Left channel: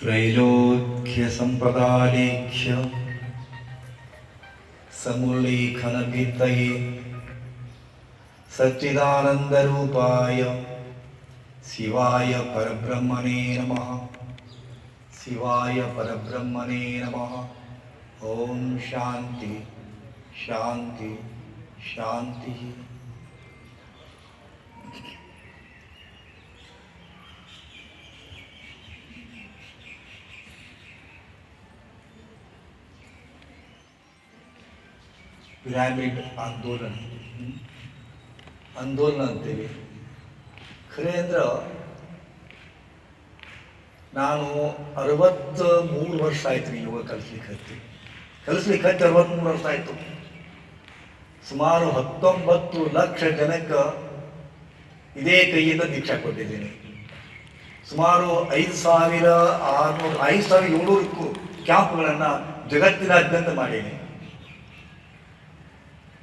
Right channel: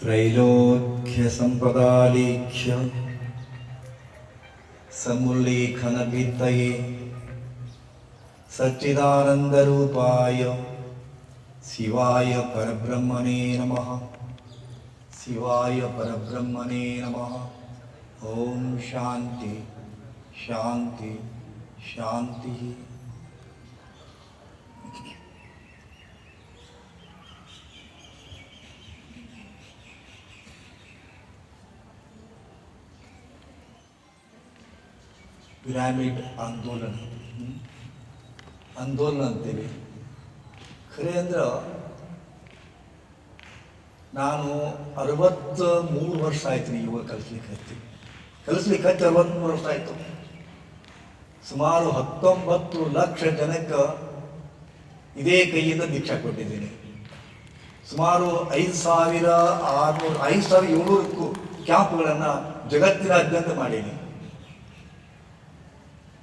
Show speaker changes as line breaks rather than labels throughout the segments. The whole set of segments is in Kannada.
त्रैलोक्यसम्पदालेख्य समुल्लेखनभित्तये सच्चिदानन्दरूपाय शिवाय परब्रह्मणे नमः शिवाय परब्रह्मणे नमः ॐ शान्ति शान्ति शान्तिः ಪಿರಾಮಿಡ್ ಆಂದೋಲನ ಹ್ಮ್? ಆಂದೋಲನ ಅಂತೇಳಿ ಖರೆ ಅಂದ್ರೆ ನಾನು ಅರವತ್ತ ಮೂರು ವರ್ಷ ಆಯ್ತು ರೀ ಯೋಗ ಕಲಿಸ್ಲಿಕ್ಕೆ ಹತ್ತಿ. ಕಲಿಸ್ಲಿಕ್ಕೆ ಹತ್ತಿ ಅರವತ್ತ್ಮೂರು ವರ್ಷ ಆಯ್ತು. ಸುಮಾರು ಹತ್ತೊಂಬತ್ತು ಲಕ್ಷ ಜನಕ್ಕೆ ಇದೇ ಕೈಯಿಂದ ದೀಕ್ಷಾ ಕೊಟ್ಟಿದ್ದೀನಿ. ಸುಮಾರು ಐದು ಸಾವಿರ ಆರುನೂರು, ಐದು ಸಾವಿರ ಏಳ್ನೂರಕ್ಕೂ ಕ್ಯಾಂಪ್ಗಳನ್ನು ಜಗತ್ತಿನಾದ್ಯಂತ ಮಾಡೀನಿ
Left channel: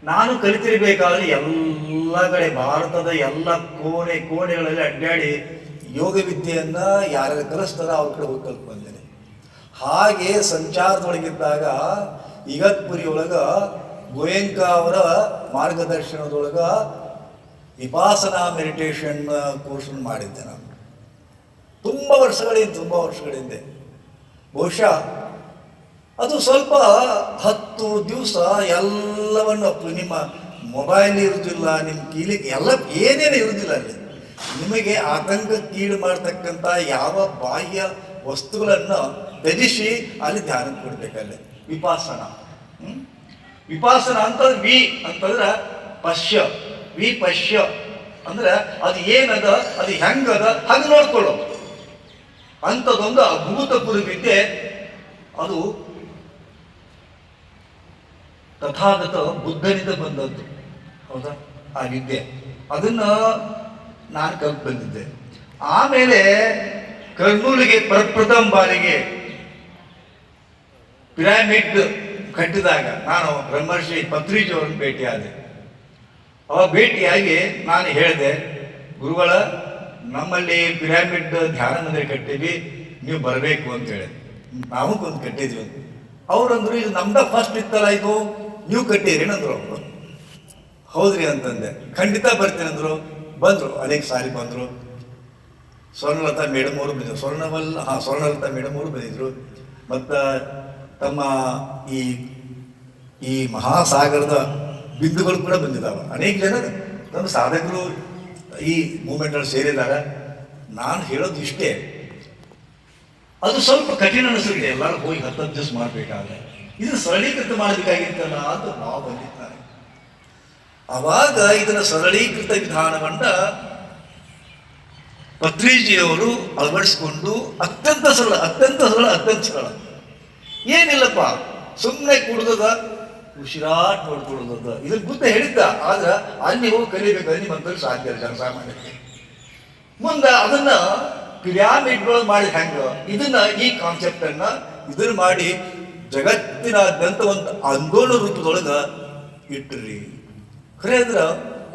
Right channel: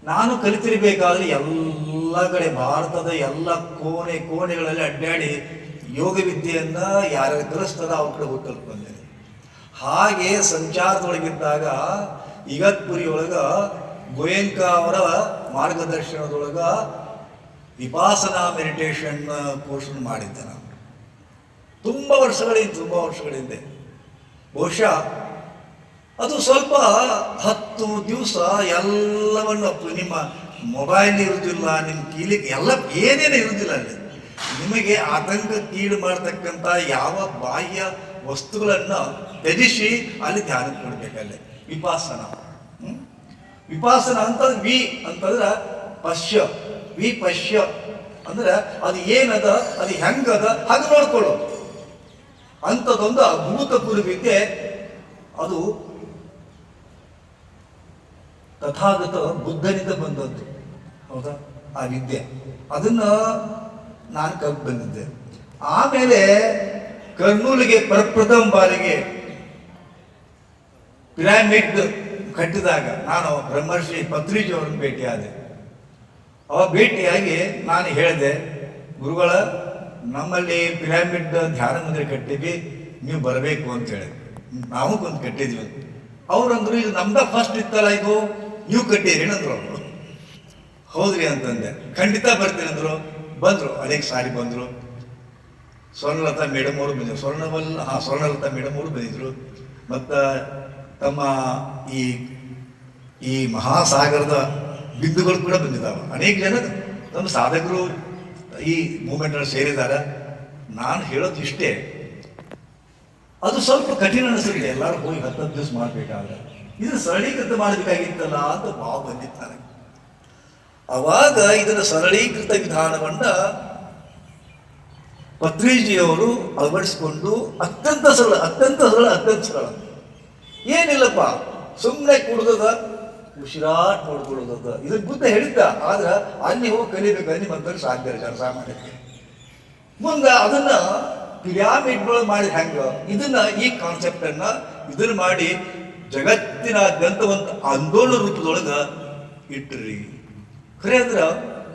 ನಾನು ಕಲಿತಿರ್ಬೇಕಾದ್ರೆ ಎಲ್ಲ ಕಡೆ ಭಾರತದ ಎಲ್ಲ ಕೋಣೆ, ಕೋಣೆಗಳಲ್ಲಿ ಅಡ್ಡಾಡಿ ಯೋಗ ವಿದ್ಯೆಯನ್ನ ಯಾರ್ಯಾರು ಕಲಿಸ್ತಾರ ಅವ್ರ ಕಡೆ ಹೋಗಿ ಕಲ್ತು ಬಂದೇನೆ ಹಾಗೆ ಸಂಚಾರದೊಳಗಿದ್ದಾಗ ಒಳಗ ಗೋಯಂಕ ಅವರ ಮಾರ್ಗದರ್ಶನದೊಳಗ ವಿಪಾಸನಾ ಮೆಡಿಟೇಷನ್ ಕೋರ್ಸ್ ಮಾಡಿದ್ದೆ ನಾನು. ತುಂಬ ವರ್ಷಗಳಿಂದ ತುಂಬ ವರ್ಷಗಳಿಂದ. ಬಹುಶಃ ಅದು ಸ್ವಲ್ಪ ಹತ್ತು ದಿವಸ ಎಲ್ಲವನ್ನು ನಿಮ್ಮ ಮೊಬೈಲ್ ಇರುವುದಿಲ್ಲ ನಿಮ್ಮ ಕೀಲಿಗೆ ಎಲ್ಲ ಏನೇನು ಇರುವುದಿಲ್ಲ ಅಲ್ಲಿ. ನಿಮಗೆ ಆತಂಕಕ್ಕೀಡು ಮಾಡ್ತಕ್ಕಂಥ ಯಾವ ಬಾಹ್ಯ ವಸ್ತುಗಳನ್ನು ತ್ಯಜಿಸಿ ಅಲ್ಲಿ ಧ್ಯಾನ ಕೊಡಬೇಕಲ್ಲಿ. ವಿಪಾಸನ? ವಿಪಾಸನ ಅಂತಂದ್ರೆ ವಿ ಅಂತಂದ್ರೆ ಪಶ್ಯ. ವಿ ಪಶ್ಯ. ಅಂದ್ರೆ ಅದು ಏನದ, ಅದು ಹೆಂಗದ, ಹಾಗೆ ನೋಡ್ಕೊಳ್ಳೋದು. ಅಂಥದ್ದೊಂದು ಅದ್ಭುತ ವಿದ್ಯೆ ಅದು ತಥಾಗತ ಬುದ್ಧನಿಂದ ಬಂದದ್ದು. ಹೌದಾ? ಆ ವಿದ್ಯೆ. ಅದನ್ನ ನಾನು ಕಲ್ತು ಬಂದಿದ್ದೆ. ಆಮೇಲೆ ಕರ್ನೂಲಿಗೆ ಪ್ರಪ್ರಥಮ ಬಾರಿಗೆ ಪಿರಾಮಿಡ್ ಕಟ್ಟಿದಾಗ ನಾನು ಬ್ರಹ್ಮರ್ಷಿ ಪತ್ರಿಜಿಯವರನ್ನು ಭೇಟಿಯಾದೆ. ಅವ ಭೇಟಿಯಾಗಿ ನಾನು ಹೇಳಿದೆ, ಗುರುಗಳ, ನಮ್ಮಲ್ಲಿ ಪಿರಾಮಿಡ್ ಧ್ಯಾನ ಮಂದಿರ ಕಟ್ಟಿವಿ ನೀವು ಬರಬೇಕು ಅಂತ ಹೇಳಿ. ನಾವು ಒಂದು ಕಟ್ಟಿದ್ವಿ ಅವ್ರಂದ್ರು, ಇದು ನಮ್ದ ಫಸ್ಟ್ ಇತ್ತಲ್ಲ ಇದು? ನೀವು ಕಟ್ಟಿರಿ ಏನಂದ್ರು ಅವ್ರು. ಹೌದ್ರಿ ಅಂತಂದೆ. ಖಂಡಿತ ಬರ್ತೀನಿ ಅಂದ್ರು. ಬಂದ್ರು. ಅನೇಕ ಸಾರಿ ಬಂದ್ರು. ಸ್ವರ್ಣಲತಾ ಮೇಡಮ್ ಅವರು ಬಂದಿದ್ರು ಸ್ವರ್ಣವಲ್ ಹಾಂ ಸ್ವರ್ಣಲತಾ ಮೇಡಮ್ ಅವರು ಬಂದಿದ್ರು. ಮತ್ತು ತಮ್ಮ ಈ ಈ ಮಹಾಸಾಗರದ ಬಿಂದುಗಳು ಕೂಡ ಬಂದಿದ್ದಾವೆ. ಅನೇಕ ಜನ ನಮ್ಮ ಸಾಧಕರು ಈ ಮೂಮೆಂಟಲ್ಲಿ ಸೇರಿದಾಗ ನಾನು ಹೇಳೋದು ಇಷ್ಟೇ. ಅದು ಸ್ವಲ್ಪ ಕಠಿಣ ಅನಿಸಿದೆ ಎಲ್ಲರೂ ಹೋಗಿ ಹತ್ತು ದಿವಸ ಮಾಡಬೇಕಾದ್ರೆ. ಇದು ಸರಳೀಕೃತ ಮಾಡಬೇಕಾಗಿತ್ತಲ್ಲ ಅಂತ ಭಾವ ಬಂದಿದ್ದಾರೆ. ಅವಾಗ ಇದರ ಸರಳೀಕೃತ ವಿಧಾನವನ್ನ ಪತ್ರಿಜಿಯವರು ಅಳವಡಿಸಿಕೊಂಡು ಅತ್ಯಂತ ಸರಳ ಅತ್ಯಂತ ಸರಳ ಅತ್ಯಂತ ಸರಳ. ಏನಿಲ್ಲಪ್ಪ ಸುಮ್ಮನೆ ಕುಡ್ದದ, ಉಸಿರಾಟ್ ನೋಡ್ಕೊಳ್ಳೋದದ. ಇದಕ್ಕೆ ಬುದ್ಧ ಹೇಳಿದ್ದ, ಆದ್ರೆ ಅಲ್ಲಿ ಹೋಗಿ ಕಲಿಬೇಕು, ಅಲ್ಲಿ ಸಾಧ್ಯ ಇಲ್ಲ ಸಾಮಾನ್ಯಕ್ಕೆ ಮುಂದೆ ಅದನ್ನ ಪಿರಾಮಿಡ್ಗಳು ಮಾಡಿ ಹೆಂಗ? ಇದನ್ನ ಈ ಕಾನ್ಸೆಪ್ಟ್ ಅನ್ನ ಇದನ್ನ ಮಾಡಿ ಜಗತ್ತಿನಾದ್ಯಂತ ಒಂದು ಆಂದೋಲನ ರೂಪದೊಳಗೆ ಇಟ್ಟಿರಿ. ಖರೆ ಅಂದ್ರೆ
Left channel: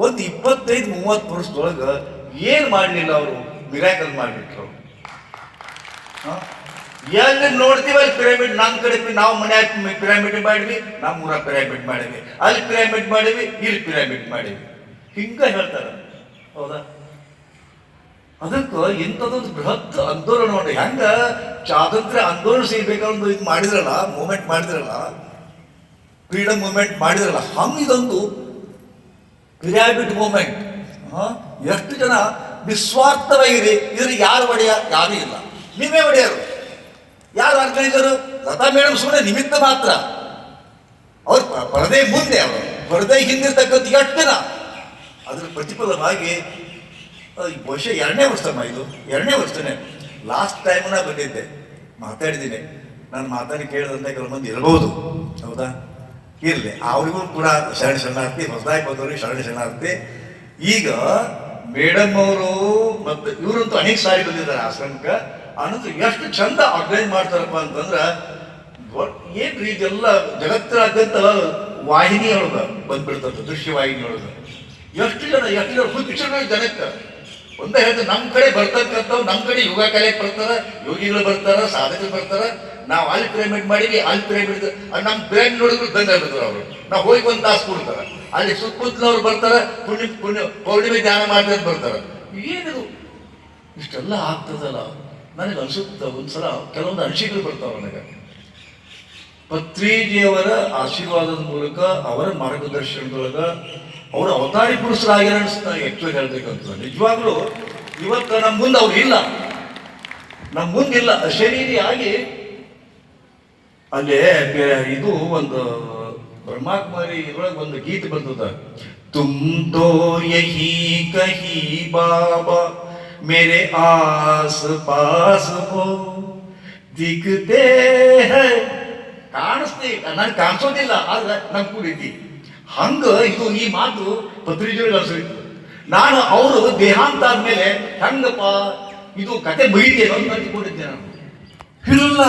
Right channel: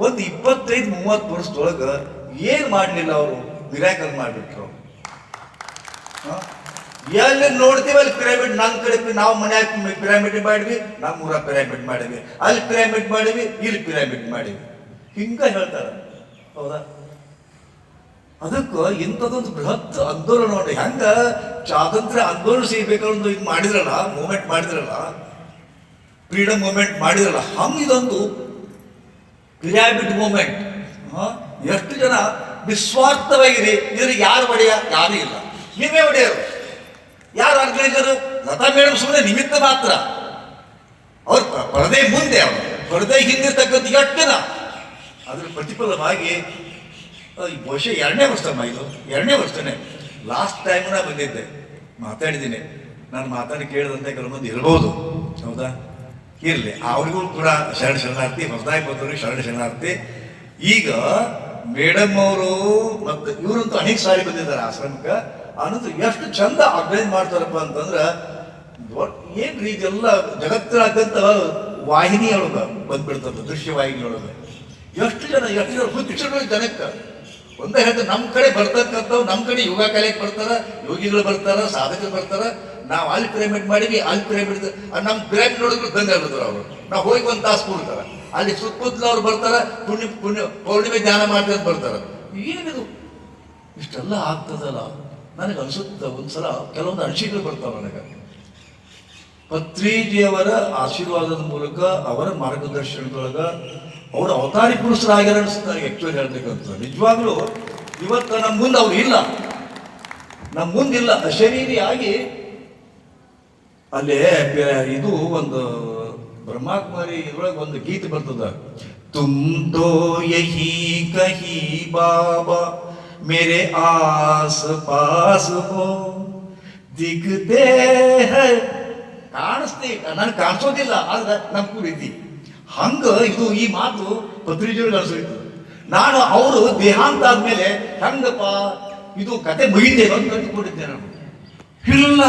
ಒಂದು ಇಪ್ಪತ್ತೈದು, ಮೂವತ್ತು ವರ್ಷದೊಳಗೆ ಏನು ಮಾಡಲಿಲ್ಲ ಅವರು? ಮಿರಾಕಲ್ ಮಾಡಿಬಿಟ್ರು. ಎಲ್ಲಿ ನೋಡ್ತೀವಿ, ಅಲ್ಲಿ ಪಿರಾಮಿಡ್ ನಮ್ಮ ಕಡೆ ನಾವು ಮನ್ಯಾಗ ಪಿರಾಮಿಡ್ ಮಾಡಿವಿ ನಮ್ಮ ಊರ ಪಿರಾಮಿಡ್ ಮಾಡಿವಿ ಅಲ್ಲಿ ಪಿರಾಮಿಡ್ ಮಾಡಿವಿ ಇಲ್ಲಿ ಪಿರಾಮಿಡ್ ಮಾಡಿವಿ ಹಿಂಗ ಹೇಳ್ತಾರೆ. ಹೌದಾ? ಅದಕ್ಕೆ ಇಂಥದೊಂದು ಬೃಹತ್ ಆಂದೋಲನ ನೋಡ್ರಿ ಹೆಂಗ? ಸ್ವಾತಂತ್ರ್ಯ ಆಂದೋಲನ ಸಿಗ್ಬೇಕಂದು ಇದು ಮಾಡಿದ್ರಲ್ಲ ಮೂಮೆಂಟ್ ಮಾಡಿದ್ರಲ್ಲ ಫ್ರೀಡಮ್ ಮೂಮೆಂಟ್ ಮಾಡಿದ್ರಲ್ಲ, ಹಂಗೆ ಇದೊಂದು ಕ್ರಿಯಾಬಿಟ್ ಮೂಮೆಂಟ್ ಎಷ್ಟು ಜನ ನಿಸ್ವಾರ್ಥವಾಗಿದೆ? ಇದ್ರ ಯಾರು ಒಡೆಯ? ಯಾರೂ ಇಲ್ಲ. ನಿಮ್ಮೇ ಒಡೆಯರು. ಯಾರು ಆರ್ಗನೈಸರು ಲತಾ ಮೇಡಮ್ ಸುಮ್ಮನೆ ನಿಮಿತ್ತ ಮಾತ್ರ. ಅವ್ರು ಪರದೆ ಮುಂದೆ ಅವರು. ಪರದೆ ಹಿಂದಿರ್ತಕ್ಕಂಥ ಎಷ್ಟು ಜನ? ಅದ್ರ ಪ್ರತಿಫಲವಾಗಿ ಬಹುಶಃ ಎರಡನೇ ವರ್ಷ ಇದು. ಎರಡನೇ ವರ್ಷನೇ. ಲಾಸ್ಟ್ ಟೈಮ್ ನಾನು ಬಂದಿದ್ದೆ. ಮಾತಾಡಿದ್ದೀನಿ. ನಾನು ಮಾತಾಡಿ ಕೇಳಿದಂತೆ ಕೆಲವು ಮಂದಿ ಇರ್ಬೋದು. ಹೌದಾ? ಇರಲಿ. ಅವ್ರಿಗೂ ಕೂಡ ಶರಣ ಶರಣಾರ್ಥಿ, ಹೊಸದಾಗಿ ಬಂದವ್ರಿಗೆ ಶರಣ ಶರಣಾರ್ಥಿ. ಈಗ ಮೇಡಮ್ ಅವರು ಮತ್ತು ಇವರಂತೂ ಅನೇಕ ಸಾರಿ ಬಂದಿದ್ದಾರೆ ಆಶ್ರಮಕ್ಕೆ. ಅನ್ನೋದು ಎಷ್ಟು ಚಂದ ಆರ್ಗನೈಸ್ ಮಾಡ್ತಾರಪ್ಪ ಅಂತಂದ್ರೆ ಏನು ರೀ ಇದೆಲ್ಲ ಜಗತ್ತಿನಾದ್ಯಂತ ವಾಹಿನಿ ಒಳಗ ಬಂದ್ಬಿಡ್ತದೆ ದೃಶ್ಯ ವಾಹಿನಿ ಒಳಗ ಎಷ್ಟು ಜನ ಎಷ್ಟು ಜನ ಜನಕ್ಕೆ. ಒಂದೇ ಹೇಳಿದ್ರೆ ನಮ್ಮ ಕಡೆ ಬರ್ತಕ್ಕಂಥವು ನಮ್ಮ ಕಡೆ ಯೋಗ ಕಲೆಗೆ ಬರ್ತಾರ, ಯೋಗಿಗಳು ಬರ್ತಾರ, ಸಾಧಕರು ಬರ್ತಾರ. ನಾವು ಅಲ್ಲಿ ಪ್ರೇಮೆಂಟ್ ಮಾಡಿವಿ ಅಲ್ಲಿ ಪಿರಮಿಡ್ ನಮ್ಮ ಬ್ಯಾಂಕ್ ನೋಡಿದ್ರು ಬಂದ ಅವರು. ನಾವು ಹೋಗಿ ಒಂದು ತಾಸು ಕೊಡ್ತಾರ. ಅಲ್ಲಿ ಸುತ್ತಮುತ್ತಲವ್ರು ಬರ್ತಾರ, ಪುಣ್ಯ ಪುಣ್ಯ, ಪೌರ್ಣಿಮೆ ಧ್ಯಾನ ಅಂತ ಬರ್ತಾರ. ಏನಿದು? ಇಷ್ಟೆಲ್ಲ ಆಗ್ತದಲ್ಲ? ನನಗೆ ಅನ್ಸುತ್ತೆ, ಒಂದ್ಸಲ ಕೆಲವೊಂದು ಅನಿಸಿಕೆಗಳು ಬರ್ತಾವ ನನಗೆ. ಪತ್ರಿಜಿಯವರ ಆಶೀರ್ವಾದದ ಮೂಲಕ, ಅವರ ಮಾರ್ಗದರ್ಶನದೊಳಗ ಅವರು ಅವತಾರಿ ಪುರುಷರಾಗ್ಯಾರ ಅನಿಸ್ತಾರೆ ಆ್ಯಕ್ಚುಲಿ ಹೇಳ್ಬೇಕಂತ ನಿಜವಾಗ್ಲೂ ಇವತ್ತು ನಮ್ಮ ಮುಂದೆ ಅವ್ರು ಇಲ್ಲ. ನಮ್ಮ ಮುಂದಿಲ್ಲ ಅಶರೀರಿಯಾಗಿ ಅಲ್ಲೇ ಇದು ಒಂದು ಬ್ರಹ್ಮಾಕುಮಾರಿ ಇದ್ರೊಳಗೆ ಒಂದು ಗೀತೆ ಬರ್ತದ. ತೋ ಯಹಿ ಕಹಿ ಬಾಬಾ, ಮೇರೆ ಆಸ್ ಪಾಸ್ ಹೋ ದಿಗ್ದೇ ಕಾಣಿಸ್ತಿ, ನನ್ಗೆ ಕಾಣಿಸೋದಿಲ್ಲ, ಆದ್ರೆ ನನ್ ಕುಡಿತಿ ಹಂಗ ಇದು ಈ ಮಾತು ಪತ್ರಿಕೆಗಳು ಅನ್ಸಿತ್ತು ನಾನು ಅವರು ದೇಹಾಂತ ಆದ್ಮೇಲೆ ಹಂಗಪ್ಪ, ಇದು ಕತೆ ಮುಗಿದೇವ ಅಂತ ಅಂದ್ಕೊಂಡಿದ್ದೆ ನಾನು. ಇಲ್ಲ.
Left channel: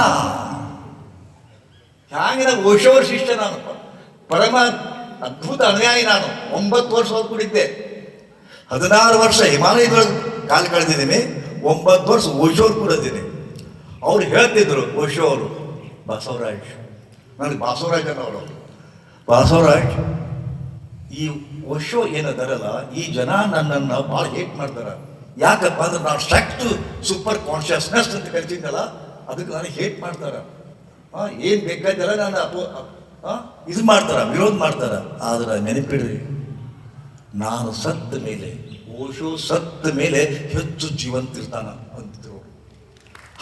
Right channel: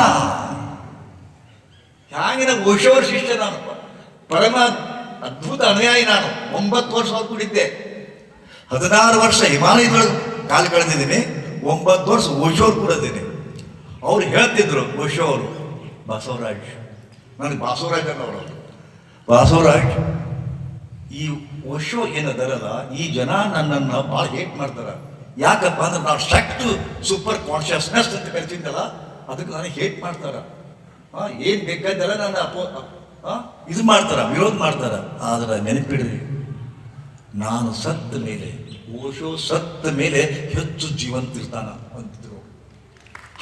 ಹ್ಯಾಂಗಿನ ಓಶೋರ್ ಶಿಷ್ಯ ನಾನು. ಪರಮ ಅದ್ಭುತ ಅನುಯಾಯಿ ನಾನು. ಒಂಬತ್ತು ವರ್ಷ ಹೊತ್ಕೊಂಡಿದ್ದೆ ಹದಿನಾರು ವರ್ಷ ಹಿಮಾಲಯದೊಳಗೆ ಕಾಲ ಕಳೆದಿದ್ದೀನಿ. ಒಂಬತ್ತು ವರ್ಷ ಓಶೋರ್ ಕೂಡಿದ್ದೀನಿ ಅವ್ರು ಹೇಳ್ತಿದ್ರು ಓಶೋ ಅವರು ಬಸವರಾಜ್. ನನಗೆ ಬಸವರಾಜ್ ಅನ್ನೋರು. ಬಸವರಾಜ್ ಈ ಓಶೋ ಏನದರಲ್ಲ ಈ ಜನ ನನ್ನನ್ನು ಭಾಳ ಹೇಟ್ ಮಾಡ್ತಾರೆ. ಯಾಕಪ್ಪ ಅಂದ್ರೆ ನಾವು ಸ್ಟ್ರಕ್ಟ್ ಸೂಪರ್ ಕಾನ್ಷಿಯಸ್ನೆಸ್ ಅಂತ ಕರಿತಿದ್ದಲ್ಲ ಅದಕ್ಕೆ ನಾನು ಹೇಟ್ ಮಾಡ್ತಾರೆ. ಏನು ಬೇಕಾದೆಲ್ಲ ನಾನು ಅಪೋ ಇದು ಮಾಡ್ತಾರ, ವಿರೋಧ ಮಾಡ್ತಾರ. ಆದ್ರೆ ನೆನಪಿಡ್ರಿ, ನಾನು ಸತ್ತ ಮೇಲೆ, ಓಶೋ ಸತ್ತ ಮೇಲೆ ಹೆಚ್ಚು ಜೀವಂತ ಇರ್ತಾನ ಅಂತಿದ್ರು.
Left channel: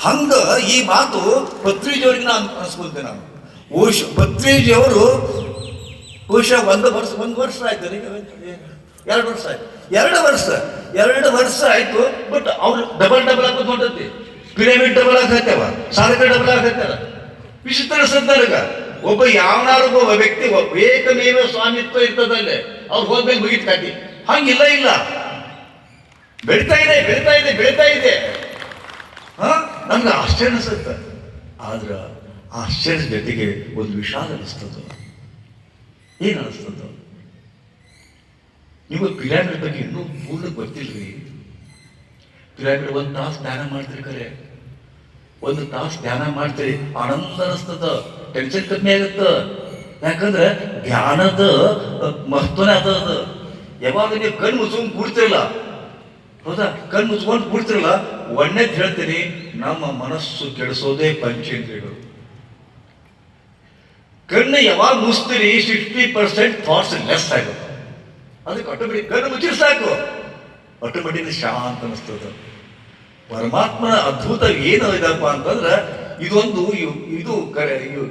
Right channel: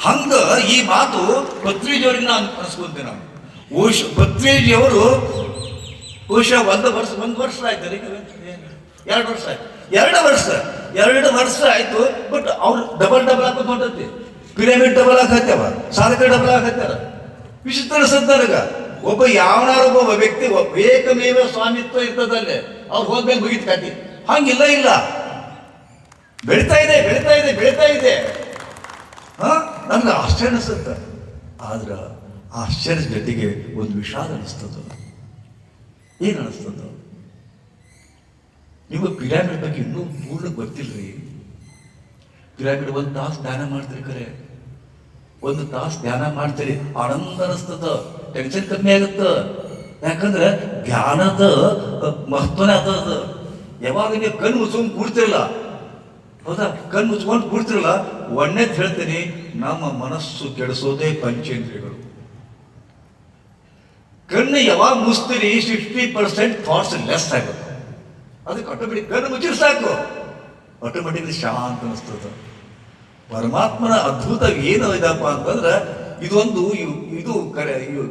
ಹಂಗ ಈ ಮಾತು ಪತ್ರಿಜಿಯವ್ರಿಗೆ ನಾನು ಅನ್ಸ್ಕೊಂತೇನೆ ನಾನು. ಓಶ್ ಪತ್ರಿಜಿಯವರು ಬಹುಶಃ ಒಂದು ವರ್ಷ ಒಂದು ವರ್ಷ ಆಯ್ತು ಎರಡು ವರ್ಷ ಆಯ್ತು. ಎರಡು ವರ್ಷ ಎರಡು ವರ್ಷ ಆಯ್ತು ಬಟ್ ಅವ್ರು ಡಬಲ್ ಡಬಲ್ ಹಾಕೋದು ಹೊಂಟತಿ ಪಿರಮಿಡ್ ಡಬಲ್ ಹಾಕತ್ತವ ಸಾಲಕ್ಕೆ ಡಬಲ್ ಹಾಕತ್ತಾರ ವಿಚಿತ್ರ ಸದ್ದರ್ಗ ಒಬ್ಬ ಯಾವನಾರು ಒಬ್ಬ ವ್ಯಕ್ತಿ ಏಕಮೇವ ಸ್ವಾಮಿತ್ವ ಇರ್ತದಲ್ಲೇ, ಅವ್ರು ಹೋದ್ಮೇಲೆ ಮುಗಿತ್ ಕಾಟಿ ಹಂಗಿಲ್ಲ, ಇಲ್ಲ. ಬೆಳಿತಾ ಇದೆ ಬೆಳಿತಾ ಇದೆ ಬೆಳಿತಾ ಇದೆ. ಹಾ? ನನ್ಗೆ ಆಶ್ಚರ್ಯ ಅನಿಸುತ್ತೆ. ಆದ್ರೆ ಆಶ್ಚರ್ಯ ಜೊತೆಗೆ ಒಂದು ವಿಷಾದ ಅನಿಸ್ತದ. ಏನು ಅನಿಸ್ತದ ನಿಮಗೆ ಪಿರಾಮಿಡ್ ಬಗ್ಗೆ ಇನ್ನೂ ಪೂರ್ಣ ಗೊತ್ತಿಲ್ರಿ. ಪಿರಾಮಿಡ್ ಒಂದು ತಾಸು ಧ್ಯಾನ ಮಾಡ್ತೀರಿ ಕರೆ. ಒಂದು ತಾಸು ಧ್ಯಾನ ಮಾಡ್ತೀರಿ. ಆನಂದ ಅನಿಸ್ತದ. ಟೆನ್ಷನ್ ಕಮ್ಮಿ ಆಗುತ್ತ. ಯಾಕಂದ್ರೆ ಧ್ಯಾನದ ಮಹತ್ವನೇ ಅದ ಅದು. ಯಾವಾಗ ನೀವು ಕಣ್ಣು ಮುಚ್ಕೊಂಡು ಕೂಡ್ತಿರಲ್ಲ ಹೌದಾ? ಕಣ್ಣು ಮುಚ್ಕೊಂಡು ಕೂಡ್ತಿರಲ್ಲ ಒಣ್ಣೆದ್ ಹೇಳ್ತೀನಿ, ನಮ್ಮ ಮನಸ್ಸು ಕೆಡಿಸೋದೇ ಪಂಚೇಂದ್ರಿಯಗಳು. ಕಣ್ಣು ಯಾವಾಗ ಮುಚ್ತೀರಿ ಸಿಕ್ಸ್ಟಿ ಪರ್ಸೆಂಟ್ ಥಾಟ್ಸ್ ಲೆಸ್ ಆಗುತ್ತೆ. ಅದಕ್ಕೆ ಆಟೋಮೆಟಿಕ್ ಕಣ್ಣು ಮುಚ್ಚಿರ್ ಸಾಕು. ಆಟೋಮೆಟಿಕ್ ಶಾಂತ ಅನಿಸ್ತದೆ. ಪರಮಾತ್ಮನ ಅದ್ಭುತ ಏನು ಇದಪ್ಪ ಅಂತಂದ್ರೆ, ಇದೊಂದು ಇದು ಇದು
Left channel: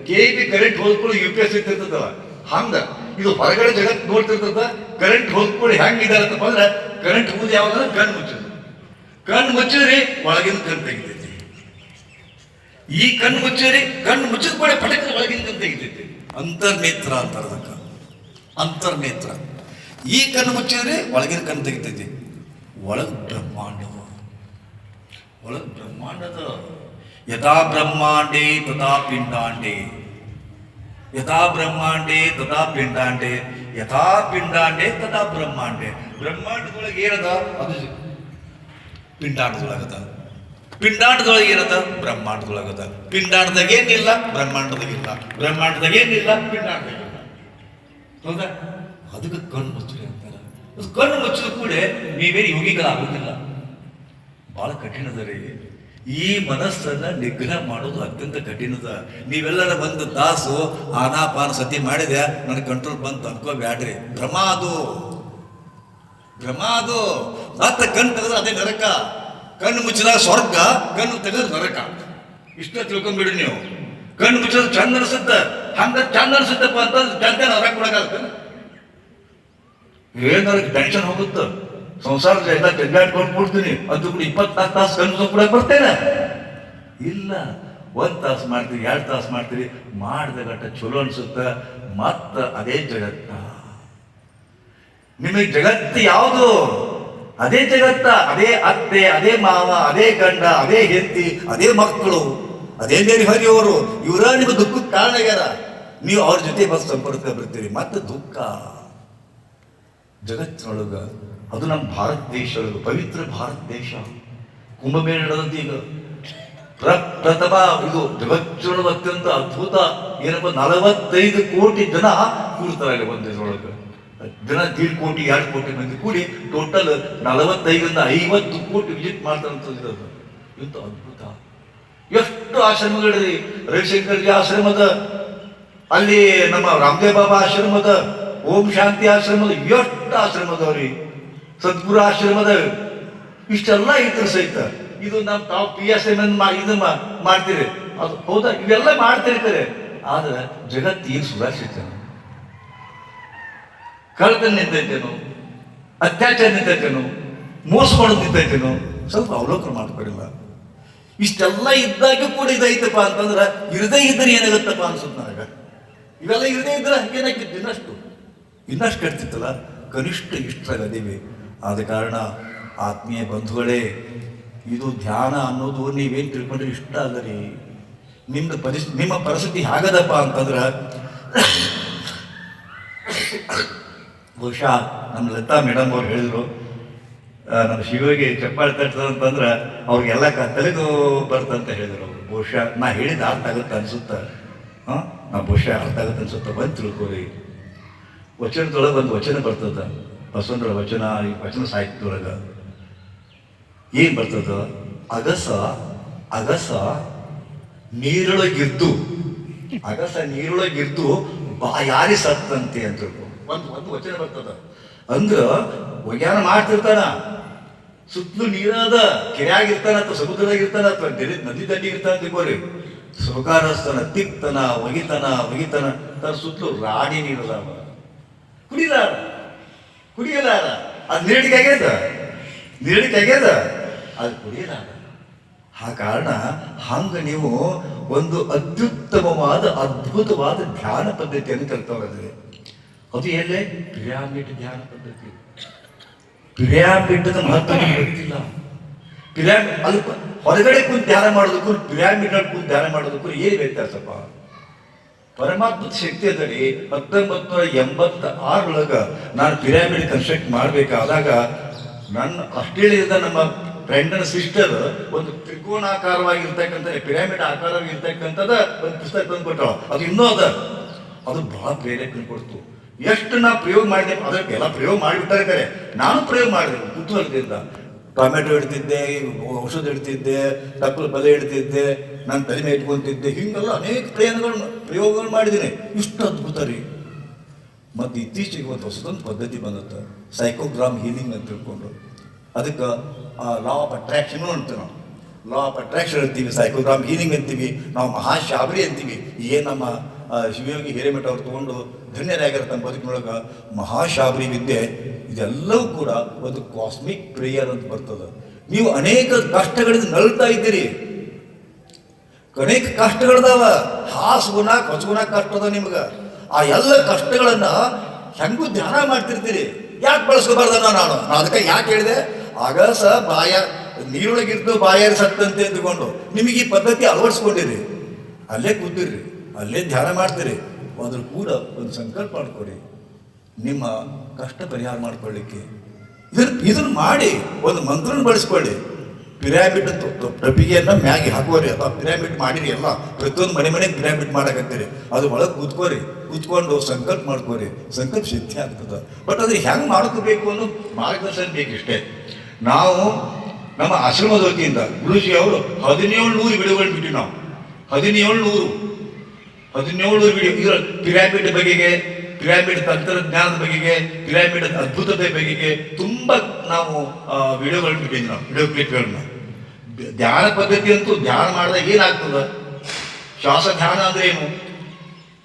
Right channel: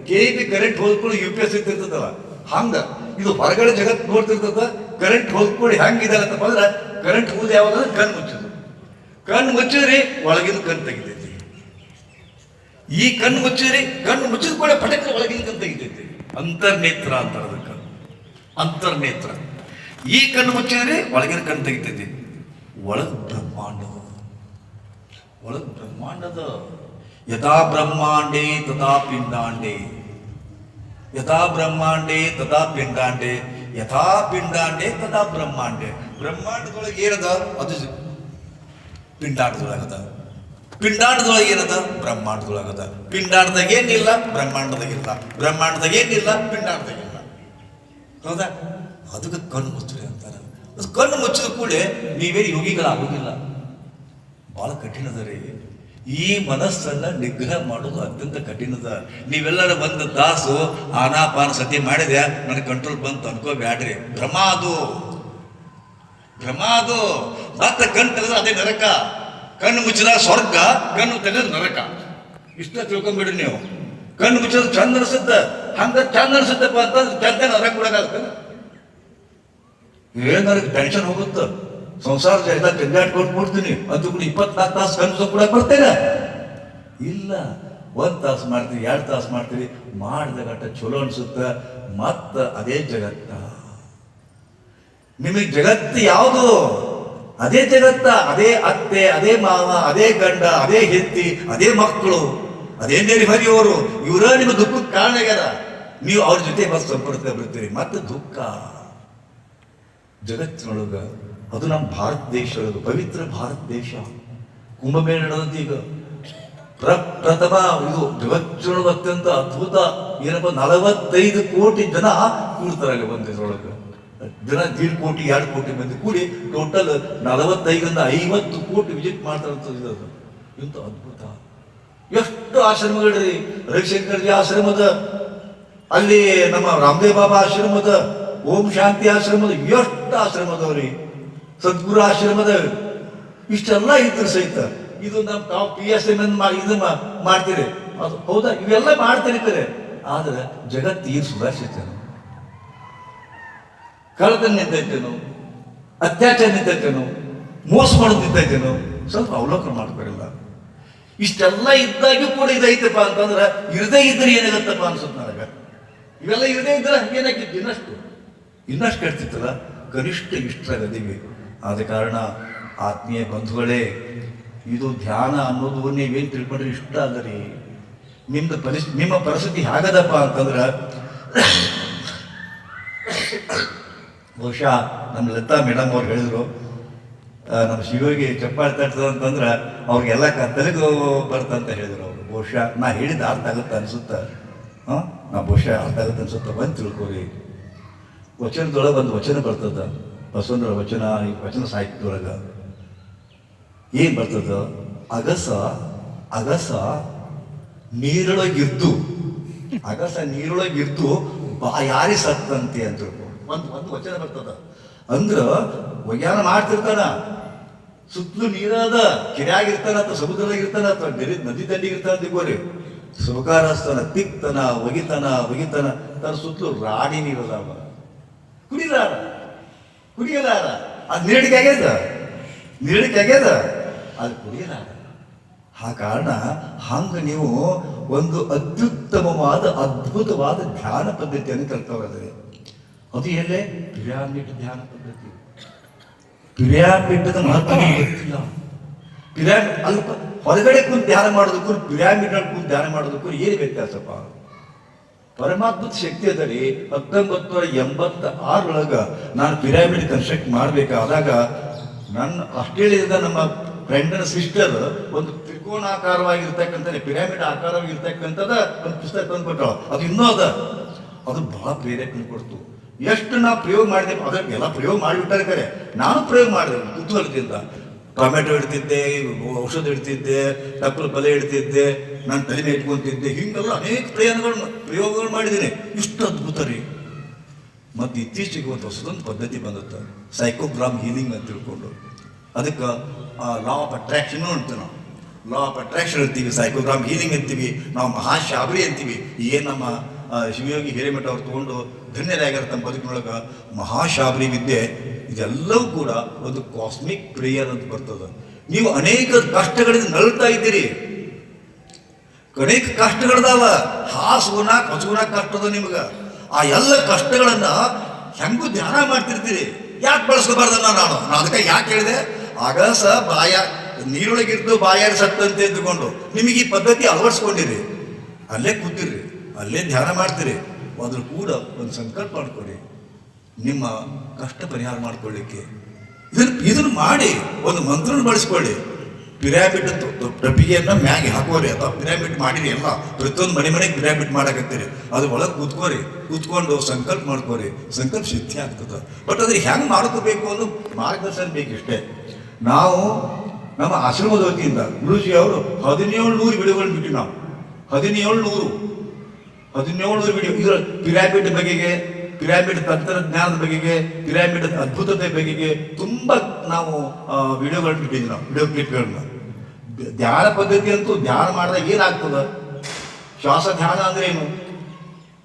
ಕೆ ಬಿ ಕರೆಂಟ್ ಹೋದ್ಕೊಳ್ಳಿ ಯು ಪಿ ಎಸ್ ಇರ್ತಿರ್ತದಲ್ಲ ಹಂಗ. ಇದು ಹೊರಗಡೆ ಜಗತ್ ನೋಡ್ತಿರ್ತದ ಕರೆಂಟ್ ಹೋದ್ಕೊಳ್ಳಿ ಅಂತಪ್ಪ ಅಂದ್ರೆ ಕರೆಂಟ್ ಹೋಗುದು ಯಾವಾಗ ಕಣ್ಣು ಮುಚ್ಚೋದು ಕಣ್ಣು ಮುಚ್ಚಿದ್ರಿ ಒಳಗಿನ ಕಣ್ಣು ತೆಗಿತೈತಿ. ಈ ಕಣ್ಣು ಮುಚ್ಚಿರಿ ಕಣ್ಣು ಮುಚ್ಚಿದ ಕೂಡ ಪಟಕ ಒಳಗಿನ ಕಣ್ ತೆಗಿತೈತಿ. ಅಂತರ್ನೇತ್ರ ಅಂತಾರೆ ಅದಕ್ಕೆ ಅಂತರ್ನೇತ್ರ. ಈ ಕಣ್ಣು ಮುಚ್ಚಿದ್ರೆ ಒಳಗಿನ ಕಣ್ಣು ತೆಗಿತೈತಿ. ಒಳಗ ಬ್ರಹ್ಮಾಂಡ ಒಳಗ ಬ್ರಹ್ಮಾಂಡದ ಯಥಾ ಬ್ರಹ್ಮಾಂಡೇ ತಥಾ ಪಿಂಡಾಂಡೇ. ಯಥಾ ಬ್ರಹ್ಮಾಂಡೇ ತಥಾ ಪಿಂಡಾಂಡೇ. ಯಥಾ ಪಿಂಡಾಂಡೇ ತಥಾ ಬ್ರಹ್ಮಾಂಡೇ. ಬ್ರಹ್ಮಾಂಡದೊಳಗೆ ಏನದ? ಅದು ಪಿಂಡಾಂಡದೊಳಗದ ಪಿಂಡಾಂಡದೊಳಗೆ ಏನದ? ಬ್ರಹ್ಮಾಂಡದೊಳಗದ. ಪಿಂಡಾಂಡದಾಗ ಏನಿಲ್ಲ, ಬ್ರಹ್ಮಾಂಡದಾಗ ಇಲ್ಲ. ಬ್ರಹ್ಮಾಂಡದಾಗ ಏನಿಲ್ಲ ಪಿಂಡಾಂಡದಾಗ ಇಲ್ಲ. ಹೌದಾ? ಅದಕ್ಕೆ ಕಣ್ಣು ಮುಚ್ಚರಿ ಅಂತಾರೆ. ಕಣ್ಣು ಮುಚ್ಚಿದ ಕೂಡ ನೀವೇನು ಯೋಗಿಗಳಾಗೋದಿಲ್ಲ ಬಹಳ ಕಠಿಣದ ರೀ. ಈ ಮನಸ್ಸನ್ನ ನಿಗ್ರಹ ಮಾಡೋದು ಅತ್ಯಂತ ಕಠಿಣದ. ನೀವೆಲ್ಲರ ಬಂದ ದಾಸು, ಆನಾಪಾನ ಸತಿ ಮಾಡಿದೆ ನನಗೆ ಕಂಟ್ರೋಲ್ ಬಂತು ಅನ್ಕೋಬ್ಯಾಡ್ರಿ ಭ್ರಮ ಅದು ಭ್ರಮ ಅದು ಮತ್ತೆ ಕಣ್ಣು ತೆಗೆದ್ರೆ ಅದೇ ನರಕ. ಕಣ್ಣು ಮುಚ್ಚಿದ ಸ್ವರ್ಗ, ಕಣ್ಣು ತೆಗೆದ್ರೆ ನರಕ. ಇಷ್ಟ ತಿಳ್ಕೊಂಡ್ಬಿಡಿ ನೀವು. ಕಣ್ಣು ಮುಚ್ಚಿದ್ರೆ ಚಂದ ಅನ್ಸುತ್ತ ಹಂಗ ಚಂದ ಅನ್ಸುತ್ತಪ್ಪ ಅಂತ ಚಂದ ನರಕ ಏನ್ ಏನಾರ ಟೆನ್ಷನ್ ಹೋಗುತ್ತೆ? ಸಂಸಾರದ ಎಲ್ಲ ತಿರ್ಗಾಡ್ಕೊಂಡು ಕೊಡ್ತೀನಿ ಅದು ಕೂಡ ಇಪ್ಪತ್ನಾಲ್ಕು ತಾಸು ಕನಸು ಕೂಡ ಬರ್ತೇನೆ ಇಲ್ಲ. ಒಂದ್ ತಾಸು ಮಾಡ್ತೀವಿ ಎರಡು ತಾಸು ಮಾಡ್ತೀರಿ. ಮಾಡಿದ ಘಟ್ಟ ಚಲೋ ಅನ್ಸುತ್ತ? ಮತ್ತ ಅದೇ ಜಗತ್ತ? ನಿಮಗೆ ಜಗತ್ತು ಯಾವುದು? ಅದೇ ಜಗತ್ತ, ಅದೇ ಅತ್ತೆ, ಅದೇ ಮಾವ, ಅದೇ ಗಂಡ, ಅದೇ ಹೆತ್ತಿ ಅದೇ ಮಕ್ಕಳು, ಅದೇ ನೆರೆಹೊರೆಯವರು ಇವರ ನಿಮ್ಮ ದುಃಖಕ್ಕೆ ಕಾರಣ ಆಗ್ಯಾರ. ನೀವು ಅವ್ರ ಜೊತೆ ಬಸ್ ಸಂಪರ್ಕ ಬರ್ತೀರಿ. ಮತ್ತೆ ದುಃಖ. ಜಗತ್ತಿನೊಳಗ ಅದು ನಮ್ಮ ಭಾರತ ದೇಶ ಒಳಗ ಪವಿತ್ರ ಭಾರತ ದೇಶ. ಕುಂಭಮೇಳ ಈಗ ಪ್ರ- ಪ್ರಥಮ ಇದು ಜಗತ್ತಿನೊಳಗೆ ಅತ್ಯಂತ ಅದ್ಭುತ ಏನಪ್ಪ, ನಲವತ್ತೈದು ಕೋಟಿ ಜನ ಕೂರ್ತಾರೆ ಒಂದು ಇದ್ರೊಳಗೆ ಜನ ದೀಡ್ ಕೋಟಿ ಎರಡು ಕೋಟಿ ಮಂದಿ ಕೂಡಿ ಟೋಟಲ್ ನಲವತ್ತೈದರಿಂದ ಐವತ್ತು ಕೋಟಿ ವಿಸಿಟ್ ಅಂತ ಅದು ಇಂಥ ಅದ್ಭುತ. ಎಷ್ಟು ಆಶ್ರಮಗಳಿರಿ ರವಿಶಂಕರ್ಜಿ ಆಶ್ರಮದ, ಅಲ್ಲಿ ನಮ್ಮ ರಾಮದೇವ್ ಬಾಬಾ ಆಶ್ರಮದ, ಓಂ ಶಾಂತಿ ಆಶ್ರಮದ, ಎಷ್ಟು ಆಶ್ರಮದವ್ರಿ ಸದ್ಗುರು ಆಶ್ರಮದ. ಇಷ್ಟೆಲ್ಲ ಇದ್ರು ಸಹಿತ. ಇದು ನಮ್ಮ ತಾವು ಪಿ ಎಸ್ ಎನ್ ಇದು ಮಾಡ್ತೀರಿ. ಅದು ಹೌದಾ? ಇವೆಲ್ಲ ಮಾಡ್ತಿರ್ತಾರೆ ಆದ್ರೆ ಜಗತ್ತು ಈಗ ಸುಧಾರಿಸಿದ್ದಾನೆ ಕಳ್ತನ ನಿಂತೈತೇನು, ಅತ್ಯಾಚಾರ ನಿಂತೈತೇನು, ಮೋಸ ಮಾಡೋದು ನಿಂತೈತೇನು, ಸ್ವಲ್ಪ ಅವಲೋಕನ ಮಾಡ್ಕೊಡಿಲ್ಲ. ಇಷ್ಟೆಲ್ಲ ಇದ್ದಾಗಿ ಕೂಡ ಇದೈತಪ್ಪ ಅಂತಂದ್ರೆ ಇರದೇ ಇದ್ರೆ ಏನಾಗುತ್ತಪ್ಪ ಅನ್ಸುತ್ತೆ ನನಗೆ. ಇವೆಲ್ಲ ಇರದೇ ಇದ್ರೆ ಹಂಗೇನಾಗಿತ್ತು ಇನ್ನಷ್ಟು? ಇನ್ನಷ್ಟು ಕೆಡ್ತಿತ್ತಲ್ಲ? ಕನಿಷ್ಠ ಇಷ್ಟರಾಗದೀವಿ ಆದ ಕಾರಣ ಆತ್ಮೀಯ ಬಂಧುಗಳೇ, ಇದು ಧ್ಯಾನ ಅನ್ನೋದು ನೀವೇನು ತಿಳ್ಕೊಂಡ್ರೆ ಇಷ್ಟ ಅಲ್ಲ ರೀ ನಿಮ್ದು ಪರಿಸ್ಥಿತಿ ನಿಮ್ಮ ಪರಿಸ್ಥಿತಿ ಹೇಗದಪ್ಪ ಅಂತಂದ್ರೆ ಬಹುಶಃ ನಮ್ಮ ಲತಾ ಮೇಡಮ್ ಅವ್ರು ಹೇಳಿದರು ನಮ್ಮ ಶಿವಗೆ ಚಪ್ಪಾಳೆ ತಟ್ಟದ ಅಂತಂದ್ರೆ ಅವ್ರಿಗೆಲ್ಲ ತೆಲುಗು ಬರ್ತಂತ ಹೇಳಿದ್ರು ಅವರು. ಬಹುಶಃ ನಾ ಹೇಳಿದ ಅರ್ಥ ಆಗುತ್ತೆ ಅನಿಸುತ್ತೆ. ಹಾಂ? ನಾ ಬಹುಶಃ ಅರ್ಥ ಆಗುತ್ತೆ ಅನ್ಸುತ್ತೆ. ಬಂದು ತಿಳ್ಕೊಳ್ಳಿ ವಚನದೊಳಗೆ ಒಂದು ವಚನ ಬರ್ತದ. ಬಸವಂದ್ರ ವಚನ, ಈ ವಚನ ಸಾಹಿತ್ಯದೊಳಗೆ. ಏನು ಬರ್ತದ? ಅಗಸ ಅಗಸ ನೀರೊಳಗಿದ್ದು ಅಗಸ ನೀರೊಳಗಿದ್ದು ಬಾಯಾರಿ ಸತ್ತಂತೆ ಅಂತ ಒಂದು ಒಂದು ವಚನ ಬರ್ತದ. ಅಂದ್ರ ಒಗ್ಯಾನ ಮಾಡ್ತಿರ್ತಾನ, ಸುತ್ತಲೂ ನೀರಾದ ಕೆರೆಯಾಗಿರ್ತಾನ ಅಥವಾ ಸಮುದ್ರದಾಗ ಇರ್ತಾನ ಅಥವಾ ನದಿ ದಂಡಿ ಇರ್ತಾನ ತಿಳ್ಕೋರಿ. ಸುಖಾರಸ್ತನ ತಿಕ್ತನ, ಒಗಿತನ ಒಗಿತನ ತನ್ನ ಸುತ್ತಲೂ ರಾಡಿ ನೀರದಾಗ ಕುಡಿಲಾರ ಕುಡಿಯಲಾರ ಅದು ನೀಡಿಕೆ ಆಗ್ಯದ? ನೀಡಿಕೆ ಆಗ್ಯದ? ಅದು ಕುಡಿಯಲಾರ ಆ ಕಾರಣ ಹಂಗ ನೀವು ಒಂದು ಅತ್ಯುತ್ತಮವಾದ, ಅದ್ಭುತವಾದ ಧ್ಯಾನ ಪದ್ಧತಿಯನ್ನು ಕಲ್ತವ್ರೆ ಅದು ಎಲ್ಲೇ ಪಿರಾಮಿಡ್ ಧ್ಯಾನ ಪದ್ಧತಿ. ಪಿರಾಮಿಡ್ ಮಹತ್ವ ನಡೆಯುತ್ತಿಲ್ಲ ಪಿರಾಮಿಡ್ ಅಲ್ಪ ಹೊರಗಡೆ ಕುಂತು ಧ್ಯಾನ ಮಾಡೋದಕ್ಕೂ ಪಿರಾಮಿಡ್ ಕುಂತು ಧ್ಯಾನ ಮಾಡೋದಕ್ಕೂ ಏನು ವ್ಯತ್ಯಾಸಪ್ಪ? ಪರಮಾತ್ಮದ ಶಕ್ತಿ ಅದರಿ. ಹತ್ತೊಂಬತ್ತು ಎಂಬತ್ತ ಆರೊಳಗ ನಾನು ಪಿರಾಮಿಡ್ ಕನ್ಸ್ಟ್ರಕ್ಟ್ ಮಾಡಬೇಕಾದಾಗ ನನ್ನ ಆಸ್ಟ್ರೇಲಿಯಾದ ನಮ್ಮ ಫ್ರೆಂಡನ್ ಸಿಸ್ಟರ್ ಒಂದು ತ್ರಿಕೋನಾಕಾರವಾಗಿರ್ತಕ್ಕಂಥ ಪಿರಾಮಿಡ್ ಆಕಾರವಾಗಿರ್ತಕ್ಕಂಥದ ಒಂದು ಪುಸ್ತಕ ತಂದ್ಕೊಟ್ಟ ಅದು ಇನ್ನೂ ಅದ. ಅದು ಬಹಳ ಪ್ರೇರೇಪಣೆ ಕೊಡ್ತು ಎಷ್ಟು ನಾ ಪ್ರಯೋಗ ಮಾಡಿದೆ ಅದಕ್ಕೆ ಎಲ್ಲ ಪ್ರಯೋಗ ಮಾಡಿಬಿಟ್ಟಾರೆ ಬೇರೆ ನಾನು ಪ್ರಯೋಗ ಮಾಡಿದೆ, ಕುತೂಹಲದಿಂದ. ಟೊಮೆಟೊ ಇಡ್ತಿದ್ದೆ, ಔಷಧ ಇಡ್ತಿದ್ದೆ, ತಪ್ಪಲು ಬಲೆ ಇಡ್ತಿದ್ದೆ, ನಾನು ತಲೆ ಮೇಲೆ ಇಟ್ಕೊಂತಿದ್ದೆ. ಹಿಂಗೆಲ್ಲ ಅನೇಕ ಪ್ರಯೋಗಗಳನ್ನು ಪ್ರಯೋಗಗಳು ಮಾಡಿದ್ದೀನಿ. ಇಷ್ಟು ಅದ್ಭುತ ರೀ. ಮತ್ತು ಇತ್ತೀಚೆಗೆ ಒಂದು ಹೊಸದೊಂದು ಪದ್ಧತಿ ಬಂದತ್ತೆ. ಸೈಕೋಗ್ರಾಮ್ ಹೀಲಿಂಗ್ ಅಂತ ತಿಳ್ಕೊಂಡು. ಅದಕ್ಕೆ ಲಾ ಆಫ್ ಅಟ್ರಾಕ್ಷನ್ ಅಂತ ನಾವು. ಲಾ ಆಫ್ ಅಟ್ರಾಕ್ಷನ್ ಅಂತೀವಿ ಸೈಕೋಗ್ರಾಮ್ ಹೀಲಿಂಗ್ ಅಂತೀವಿ. ನಾವು ಮಹಾಶಾಬರಿ ಅಂತೀವಿ. ಏನು ನಮ್ಮ ಶಿವಯೋಗಿ ಹಿರೇಮಠ ಅವ್ರು ತಗೊಂಡು ಧನ್ಯರಾಗಿರ್ತಾನೆ ಬದುಕಿನೊಳಗೆ ಮಹಾಶಾಬರಿ ವಿದ್ಯೆ, ಇದೆಲ್ಲವೂ ಕೂಡ ಒಂದು ಕಾಸ್ಮಿಕ್ ಪ್ರೇಯರ್ ಅಂತ ಬರ್ತದೆ. ನೀವು ಅನೇಕ ಕಷ್ಟಗಳಿಂದ ನಲ್ತಾ ಇದ್ದೀರಿ. ಅನೇಕ ಕಷ್ಟಗಳದಾವ. ಹಾಸುಗುಣಾಕ ಹೊಸಗುಣಾಕ ಕಷ್ಟದ ನಿಮ್ಗೆ. ಆ ಎಲ್ಲ ಕಷ್ಟಗಳನ್ನ ಹೆಂಗೂ ಧ್ಯಾನ ಮಾಡ್ತಿರ್ತೀರಿ. ಯಾಕೆ ಬಳಸ್ಕೋಬಾರ್ದ ನಾನು? ಅದಕ್ಕೆ ಯಾಕೆ ಹೇಳಿದೆ? ಆಗ ಸ ಬಾಯ, ನೀರೊಳಗಿರ್ದು ಬಾಯಾರಿ ಸತ್ತಂತೆ ಅಂದ್ಕೊಂಡು ನಿಮಗೆ ಈ ಪದ್ಧತಿ ಅಳವಡಿಸ್ಕೊಂಡಿರಿ. ಅಲ್ಲೇ ಕೂತಿರ್ರಿ. ಅಲ್ಲೇ ಧ್ಯಾನ ಮಾಡ್ತೀರಿ. ಅದ್ರ ಕೂಡ ಒಂದು ಸಂಕಲ್ಪ ಮಾಡ್ಕೊಳ್ಳಿ. ನಿಮ್ಮ ಕಷ್ಟ ಪರಿಹಾರ ಮಾಡ್ಕೊಳ್ಳಿಕ್ಕೆ. ಇದನ್ನು ಇದನ್ನು ಮಾಡಿ ಒಂದು ಮಂತ್ರನ ಬಳಸ್ಕೊಳ್ಳಿ. ಪಿರಾಮಿಡ್ ಡಬ್ಬಿಗೆಯನ್ನು ಮ್ಯಾಗಿ ಹಾಕೋರಿ ಅಥವಾ ಪಿರಾಮಿಡ್ ಮಾಡಿರಿ ಎಲ್ಲ, ಪ್ರತಿಯೊಂದು ಮನೆ ಮನೆಗೆ ಪಿರಾಮಿಡ್ ಮಾಡಕತ್ತೀರಿ. ಅದು ಒಳಗೆ ಕೂತ್ಕೋರಿ, ಕೂತ್ಕೊಂಡು ಸಂಕಲ್ಪ ಮಾಡ್ಕೋರಿ. ಸಂಕಲ್ಪ ಸಿದ್ಧಿ ಆಗ್ತದೆ. ಬಟ್ ಅದ್ರ ಹೆಂಗೆ ಮಾಡ್ಕೋಬೇಕು ಅನ್ನೋ ಮಾರ್ಗದರ್ಶನ ಬೇಕಿಷ್ಟೇ. ನಾವು ನಮ್ಮ ಆಶ್ರಮದ ವತಿಯಿಂದ, ಗುರುಜಿ ಅವರು ಹದಿನೇಳು ನೂರು ಬಿಡುಗಡೆ ಬಿಟ್ಟು ನಾವು. ಹದಿನೇಳು ನೂರು. ಹದಿನೇಳು ಪಿರಾಮಿಡ್ ಬಗೆಗೆ, ಪಿರಾಮಿಡ್ ತಂತ್ರಜ್ಞಾನದ ಬಗೆಗೆ, ಪಿರಾಮಿಡ್ ಅದ್ಭುತತೆ ಬಗೆಗೆ ತುಂಬಾ ನಾವು ವಿಡಿಯೋಗಳನ್ನ ಬಿಟ್ಟಿದ್ವಿ ನಾವು, ವಿಡಿಯೋ ಕ್ಲಿಪ್ಗಳನ್ನ. ಧ್ಯಾನ ಪದ್ಧತಿ ಅಂತೂ ಧ್ಯಾನ ಮಾಡಿದಾಗ ಏನಾಗ್ತದೆ? ಶ್ವಾಸ ಧ್ಯಾನ ಅಂದ್ರೆ ಏನು?